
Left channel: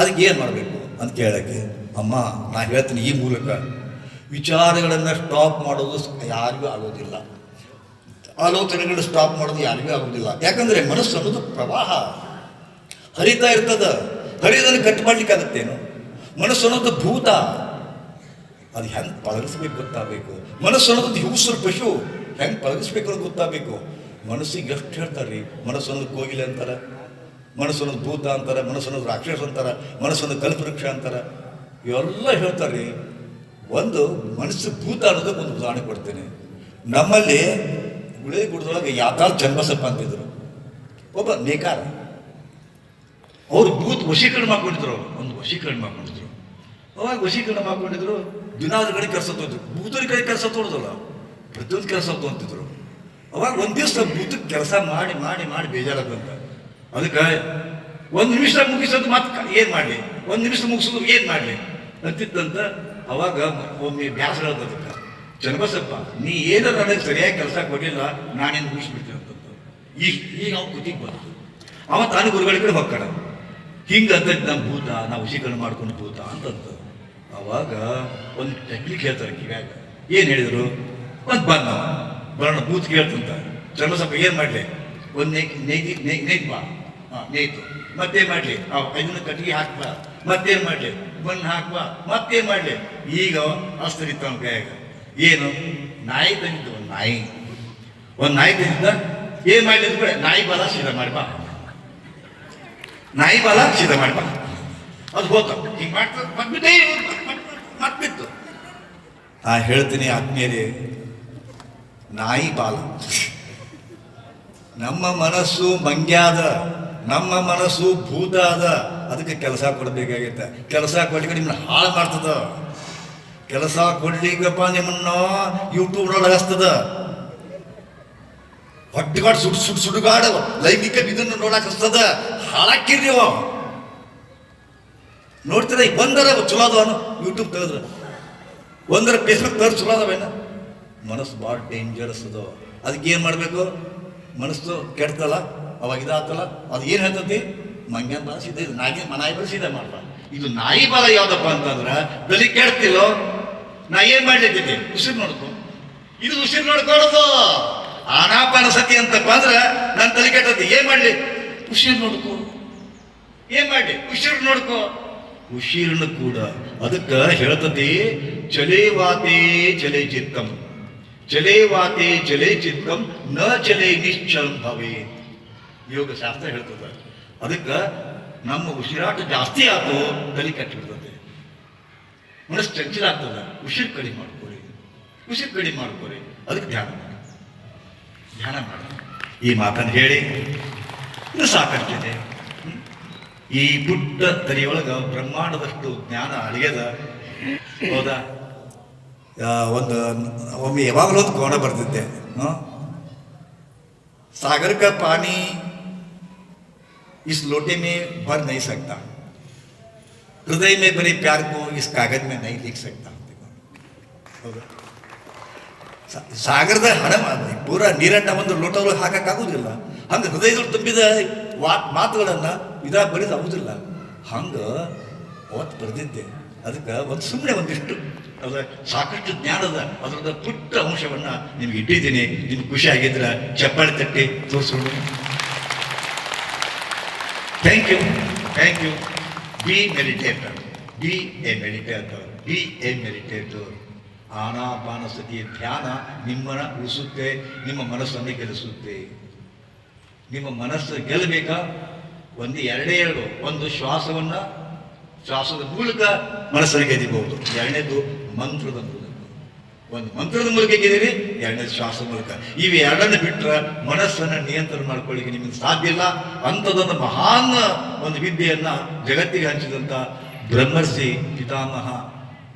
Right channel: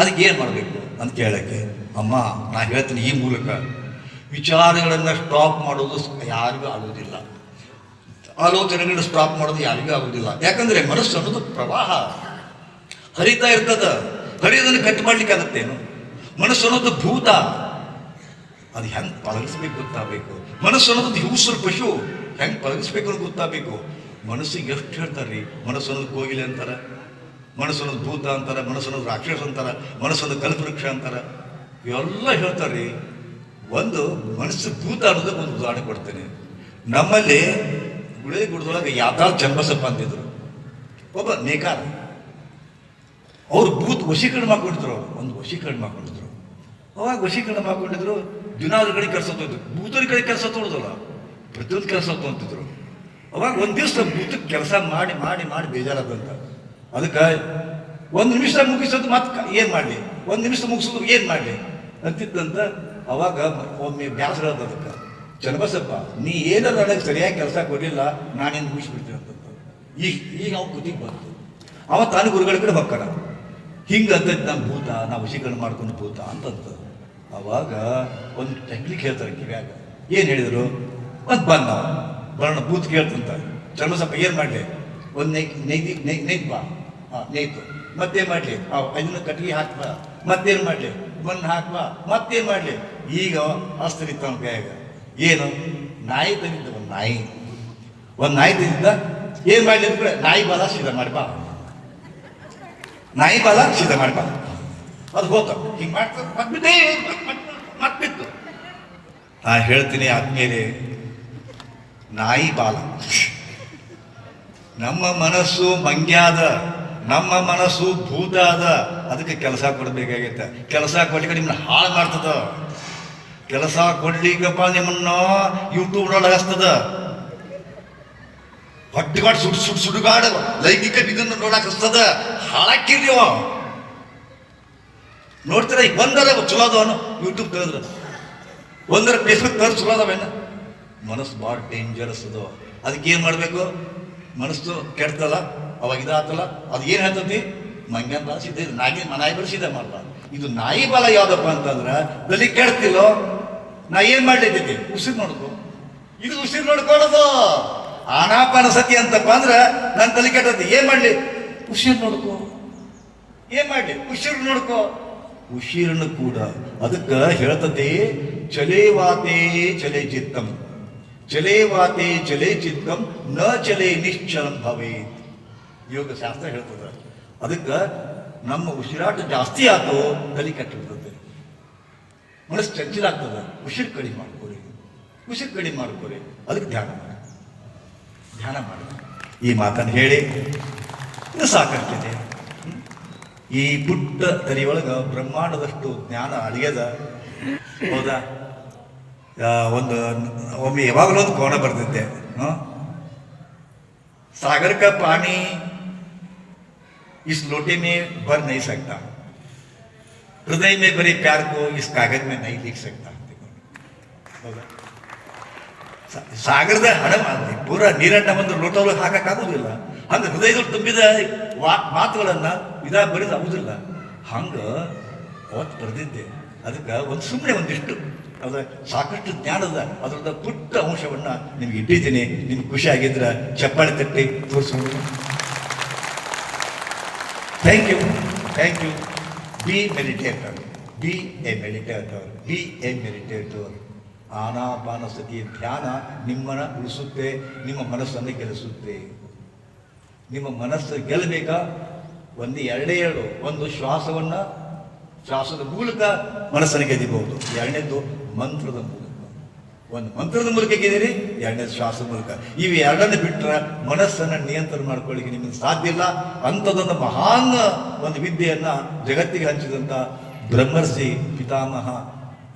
ಅದಕ್ಕೆ ಏನು ಮಾಡಬೇಕು? ಅಂತ ಕೇಳಕ್ಕೆ, ಅಮ್ಮ, ನಾ ಹೇಳ್ತೀನಿ ಈ ಮೂಲಕ. ವಿಚಾರಗಳನ್ನು ಸ್ಟಾಪ್ ಮಾಡೋದು ಯಾರಿಗೂ ಆಗೋದಿಲ್ಲ. ಆಲೋಚನೆಗಳು ಸ್ಟಾಪ್ ಮಾಡೋದು ಯಾರಿಗೂ ಆಗೋದಿಲ್ಲ. ಯಾಕಂದ್ರೆ ಮನಸ್ಸು ಅನ್ನೋದು ಪ್ರವಾಹ. ಹರಿತಾ ಇರ್ತದ. ಹರಿಯೋದನ್ನು ಕಟ್ ಮಾಡ್ಲಿಕ್ಕೆ ಆಗತ್ತೇನು ಮನಸ್ಸು ಅನ್ನೋದು ಭೂತ. ಅದು ಹೆಂಗೆ ಪಳಗಿಸ್ಬೇಕು ಗೊತ್ತಾಗಬೇಕು. ಮನಸ್ಸು ಅನ್ನೋದು ಹಿಂಸರು ಪಶು. ಹೆಂಗೆ ಪಳಗಿಸ್ಬೇಕು ಅನ್ನೋದು ಗೊತ್ತಾಗಬೇಕು. ಮನಸ್ಸಿಗೆ ಎಷ್ಟು ಹೇಳ್ತಾರ್ರಿ ಮನಸ್ಸು ಅನ್ನೋದು ಕೋಗಿಲೆ ಅಂತಾರ. ಮನಸ್ಸು ಅನ್ನೋದು ಭೂತ ಅಂತಾರ. ಮನಸ್ಸು ಅನ್ನೋದು ರಾಕ್ಷಸ ಅಂತಾರ. ಮನಸ್ಸು ಅನ್ನೋದು ಕಲ್ಪವೃಕ್ಷ ಅಂತಾರ. ಇವೆಲ್ಲ ಹೇಳ್ತಾರ್ರಿ ಒಂದು ಮನಸ್ಸು ಭೂತ ಅನ್ನೋದಕ್ಕೆ ಒಂದು ಉದಾಹರಣೆ ಕೊಡ್ತೇನೆ. ನಮ್ಮಲ್ಲಿ ಗುಳೆ ಗುಡದೊಳಗೆ ಯಾತಾಳ್ ಜನ್ಮಸಪ್ಪ ಅಂತಿದ್ರು ಒಬ್ಬ ನೇಕಾರ. ಅವ್ರು ಬೂತ್ ವಶೀಕರಣ ಮಾಡ್ಕೊಂಡಿದ್ರು. ಒಂದು ವಶೀಕರಣ ಮಾಡ್ಕೊಂಡಿದ್ರು. ಅವಾಗ ವಶೀಕರಣ ಮಾಡ್ಕೊಂಡಿದ್ರು, ದಿನಾದ ಕಡೆ ಕೆಲಸ ತೋರಿದ್ರು ಭೂತರ ಕಡೆ ಕೆಲಸ ತೋರಿದಲ್ಲ ಪ್ರತಿಯೊಂದು ಕೆಲಸ ತೊಗೊಂತಿದ್ರು ಅವಾಗ ಒಂದು ದಿವಸ ಭೂತ ಕೆಲಸ ಮಾಡಿ ಮಾಡಿ ಮಾಡಿ ಬೇಜಾರಾಗಂತ ಅದಕ್ಕೆ ಒಂದು ನಿಮಿಷ ಮುಗಿಸೋದು ಮತ್ತೆ ಏನ್ ಮಾಡ್ಲಿ? ಒಂದು ನಿಮಿಷ ಮುಗಿಸೋದು ಏನ್ ಮಾಡ್ಲಿ? ಅಂತಿದ್ದಂತ ಅವಾಗ ಒಮ್ಮೆ ಬ್ಯಾಸರ ಅದಕ್ಕೆ ಚನ್ನಬಸಪ್ಪ ನೀ ಏನೋ ನನಗೆ ಸರಿಯಾಗಿ ಕೆಲಸ ಕೊಡಲಿಲ್ಲ ನಾನೇನು ಮುಗಿಸ್ಬಿಡ್ತೇವೆ ಅಂತ ಈಗ ಈಗ ಅವ್ನು ಕುದಿಗೆ ಬಂತು. ಅವ ತಾನು ಗುರುಗಳ ಕಡೆ ಹೋಗ್ತಾನ. ಹಿಂಗಂತ ನಮ್ಮ ಭೂತ, ನಾವು ವಶೀಕರಣ ಮಾಡ್ಕೊಂಡು ಭೂತ ಅಂತಂತ ಅವಾಗ ಒಂದು ಟೆಕ್ನಿಕ್ ಹೇಳ್ತಾರೆ ಕಿವ್ಯಾಗ. ಏನು ಹೇಳಿದರು? ಅಂತ ಬಂದ ಬರೋಣ, ಭೂತ್ ಕೇಳ್ತಂತ ಚರ್ಮಸಪ್ಪ ಏನು ಮಾಡಲಿ? ಒಂದು ನೈ ನೈದಿ ನೈ ನೈತ್ ಬಾ. ಹಾಂ ನೈತು ಮತ್ತೇನು ಮಾಡಲಿ? ಅದನ್ನ ಕಟ್ಟಿಗೆ ಹಾಕ್ಬಾ. ಮತ್ತೇನು ಮಾಡಲಿ? ಮಣ್ಣು ಹಾಕ್ಬಾ. ಮತ್ತೇನು ಮಾಡಲಿ? ಈಗ ಅಸ್ತರಿತ್ತು ಅವನ ಕೈಯಾಗ. ಏನು ನಾಯಿ ತಂದಿದ್ದು ಒಂದು ನಾಯಿ ಒಂದು ನಾಯಿ ತಂದಿದ್ದ ಏನು ಮಾಡಿದ್ರೆ ನಾಯಿ ಬಲ ಸೀದಾ ಮಾಡಿ ಬಾ ನಾಯಿ ಬಲ ಸೀದಾ ಮಾಡ್ಬಾ ಅದು ಹೋಗ ಹಿಂಗೆ ಮತ್ತೆ ಮತ್ತಿತ್ತು ಆ ಹೇಳ್ತೀನಿ ಆದ್ಮೇಲೆ ನಾಯಿ ಬಾಲ ನಮ್ಮ ಮನಸ್ಸು ಮಂಗ್ಯಾದ ನಮ್ಮ ಮನಸ್ಸು ಭೂತ ಅದ ಅದಕ್ಕೆ ಕೆಲಸ ಕೊಡ್ಬೇಕಾಗೈತೆ ಕೆಲಸ ಕೊಡ್ಲಿಕ್ಕೆ ನಿಮ್ಮನ್ನ ಹಾಳು ಮಾಡ್ತದ ಕೆಲಸ ಕೊಡ್ಲಿಕ್ಕಪ್ಪ ನಿಮ್ಮನ್ನ ಯೂಟ್ಯೂಬ್ ಒಳಗೆ ಹಸ್ತದ? ಹೊಟ್ಟೆಗಾಡ್ ಸುಡ್ ಸುಡ್ ಸುಡುಗಾಡ. ಲೈಂಗಿಕ ಇದನ್ನು ನೋಡಕ್ ಹಸ್ತದ? ಅವ ನೋಡ್ತೀರ ಈಗ ಒಂದರ ಚಲೋ ಅದಾವ ಯೂಟ್ಯೂಬ್ ತೆಗೆದ್ರ. ಒಂದರ ಫೇಸ್ಬುಕ್ ತೆಗೆದ್ರೆ ಚಲೋ ಅದಾವೇನ ಮನಸ್ಸು ಭಾಳ ಡೇಂಜರಸ್ ಅದು. ಅದಕ್ಕೆ ಏನು ಮಾಡಬೇಕು? ಮನಸ್ಸು ಕೆಡ್ತಲ್ಲ, ಅವಾಗ ಇದಾಗ್ತಲ್ಲ ಅದು ಏನು ಹೇಳ್ತತಿ? ಮಂಗನ ಬಲ ಸಿದ್ಧ ನಾಯಿ ಬಲ ಸಿದ್ಧ ಮಾಡಲ್ಲ ಇದು ನಾಯಿ ಬಲ ಯಾವುದಪ್ಪ ಅಂತಂದ್ರೆ, ಬಲಿ ಕೇಳ್ತಿಲ್ಲೋ ನಾ ಏನು ಮಾಡ್ಲಿದ್ದೈತಿ ಉಸಿರು ನೋಡ್ಕೊ. ಇದು ಉಸಿರು ನೋಡ್ಕೊಳ್ಳೋದು ಆನಾಪಾನ ಸತಿ ಅಂತಪ್ಪ ಅಂದ್ರೆ ನನ್ನ ತಲೆ ಕೆಟ್ಟದ್ದು. ಏನ್ ಮಾಡ್ಲಿ? ಉಸಿರು ನೋಡ್ಕೊ. ಏನ್ ಮಾಡ್ಲಿ? ಉಸಿರು ನೋಡ್ಕೋ. ಉಸಿರನ್ನು ಕೂಡ ಅದಕ್ಕೆ ಹೇಳ್ತತಿ ಚಲೇವಾತೆ ಚಲೇ ಚಿತ್ತಂ. ಚಲೇವಾತೆ ಚಲೇ ಚಿತ್ತಂ ನ ಚಲೇ ನಿಶ್ಚಲಂ ಭವೇ. ಯೋಗ ಶಾಸ್ತ್ರ ಹೇಳ್ತದ. ಅದಕ್ಕೆ ನಮ್ಮ ಉಸಿರಾಟ ಜಾಸ್ತಿ ಆತು ತಲೆ ಕೆಟ್ಟಿರ್ತದೆ ಮನಸ್ಸು ಚಂಚಲ ಆಗ್ತದೆ ಉಸಿರು ಕಡಿಮೆ ಮಾಡ್ಕೊಳ್ಳಿ ಉಸಿರು ಕಡಿಮೆ ಮಾಡ್ಕೊಳ್ಳಿ ಅದಕ್ಕೆ ಧ್ಯಾನ ಮಾಡಿ ಧ್ಯಾನ ಮಾಡಿ ಈ ಮಾತನ್ನು ಹೇಳಿ ಇನ್ನು ಸಾಕಷ್ಟಿದೆ ಹ್ಮ್? ಈ ಪುಟ್ಟ ತಲೆಯೊಳಗ ಬ್ರಹ್ಮಾಂಡದಷ್ಟು ಜ್ಞಾನ ಅಳಿಯದ ಹೌದಾ ಆ, ಒಂದು ಒಮ್ಮೆ ಯಾವಾಗಲೂ ಒಂದು ಕೋಣ ಬರ್ತಿದ್ದೆ ಹ್ಮ್? सागर का पानी इस लोटे में भर नहीं सकता हृदय में भरे प्यार को इस कागज में नहीं लिख सकता ಹೌದಾ ಸಾ- ಸಾಗರದ ಹಣ ಮಾಡಿ ಪೂರ ನೀರನ್ನ ಒಂದು ಲೋಟದೊಳಗೆ ಹಾಕಕ್ಕಾಗುದಿಲ್ಲ ಹಂಗೆ ಹೃದಯದಲ್ಲಿ ತುಂಬಿದ ವಾ- ಮಾತುಗಳನ್ನ ಇದಾ ಬರೆದು ಆಗುದಿಲ್ಲ ಹಂಗ ಅವತ್ತು ಬರೆದಿದ್ದೆ ಅದಕ್ಕೆ ಒಂದು ಸುಮ್ಮನೆ ಒಂದಿಷ್ಟು ಅದ ಸಾಕಷ್ಟು ಜ್ಞಾನದ ಅದರದ ಪುಟ್ಟ ಅಂಶವನ್ನ ನಿಮ್ಗೆ ಇಟ್ಟಿದ್ದೀನಿ ನಿಮ್ಗೆ ಖುಷಿ ಆಗಿದ್ರೆ ಚಪ್ಪಾಳೆ ತಟ್ಟಿ ತೋರಿಸ್ಕೊಂಡು thank you thank you be meditator be a meditator be a meditator ಆನಾಪಾನಸತಿಯ ಧ್ಯಾನ ನಿಮ್ಮನ್ನು ಉಳಿಸುತ್ತೆ ನಿಮ್ಮ ಮನಸ್ಸನ್ನು ಗೆಲ್ಲಿಸುತ್ತೆ ನಿಮ್ಮ ಮನಸ್ಸು ಗೆಲ್ಲಬೇಕಾ ಒಂದು ಎರಡೇ ಎರಡು ಒಂದು ಶ್ವಾಸವನ್ನು ಶ್ವಾಸದ ಮೂಲಕ ಮನಸ್ಸನ್ನು ಗೆದ್ದಿಬಹುದು ಎರಡನೇದು ಮಂತ್ರದ ಮೂಲಕ ಒಂದು ಮಂತ್ರದ ಮೂಲಕ ಗೆದ್ದಿರಿ ಎರಡನೇ ಶ್ವಾಸದ ಮೂಲಕ ಇವು ಎರಡನ್ನು ಬಿಟ್ಟರೆ ಮನಸ್ಸನ್ನು ನಿಯಂತ್ರಣ ಮಾಡ್ಕೊಳ್ಳಿಕ್ಕೆ ನಿಮಗೆ ಸಾಧ್ಯ ಇಲ್ಲ. ಅಂಥದ್ದೊಂದು ಮಹಾನ್ ಒಂದು ವಿದ್ಯೆಯನ್ನು ಜಗತ್ತಿಗೆ ಹಂಚಿದಂಥ ಬ್ರಹ್ಮರ್ಷಿ ಪಿತಾಮಹ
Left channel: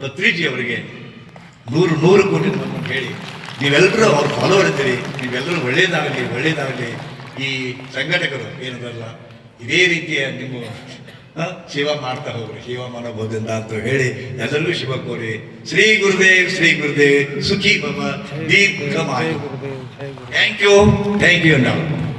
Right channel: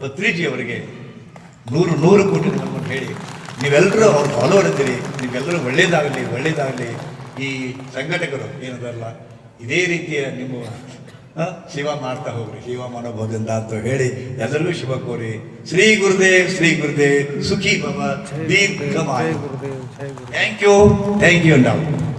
ಪತ್ರಿಜಿಯವರಿಗೆ ನೂರು ನೂರು ಕೋಟಿ ನಮ್ಮನ್ನು ಹೇಳಿ ನೀವೆಲ್ಲರೂ ಅವ್ರು ಫಾಲೋ ಇರ್ತೀರಿ ನೀವೆಲ್ಲರೂ ಒಳ್ಳೇದಾಗಲಿ ಒಳ್ಳೇದಾಗಲಿ. ಈ ಸಂಘಟಕರು ಏನದಲ್ಲ ಇದೇ ರೀತಿಯ ನಿಮ್ಮ ಮಾಡ್ತಾರೆ ಮಾಡ್ತಾ ಹೋಗ್ರಿ. ಶಿವ ಮನೋಭವದಿಂದ ಅಂತ ಹೇಳಿ ಎಲ್ಲರಿಗೂ ಶಿವ ಕೋರಿ. ಶ್ರೀ ಗುರುದೇವ್ ಶ್ರೀ ಗುರುದೇವ್ ಸುಖಿ ಭವ ದೀರ್ಘ ಥ್ಯಾಂಕ್ ಯು ಥ್ಯಾಂಕ್ ಯು ನಾವು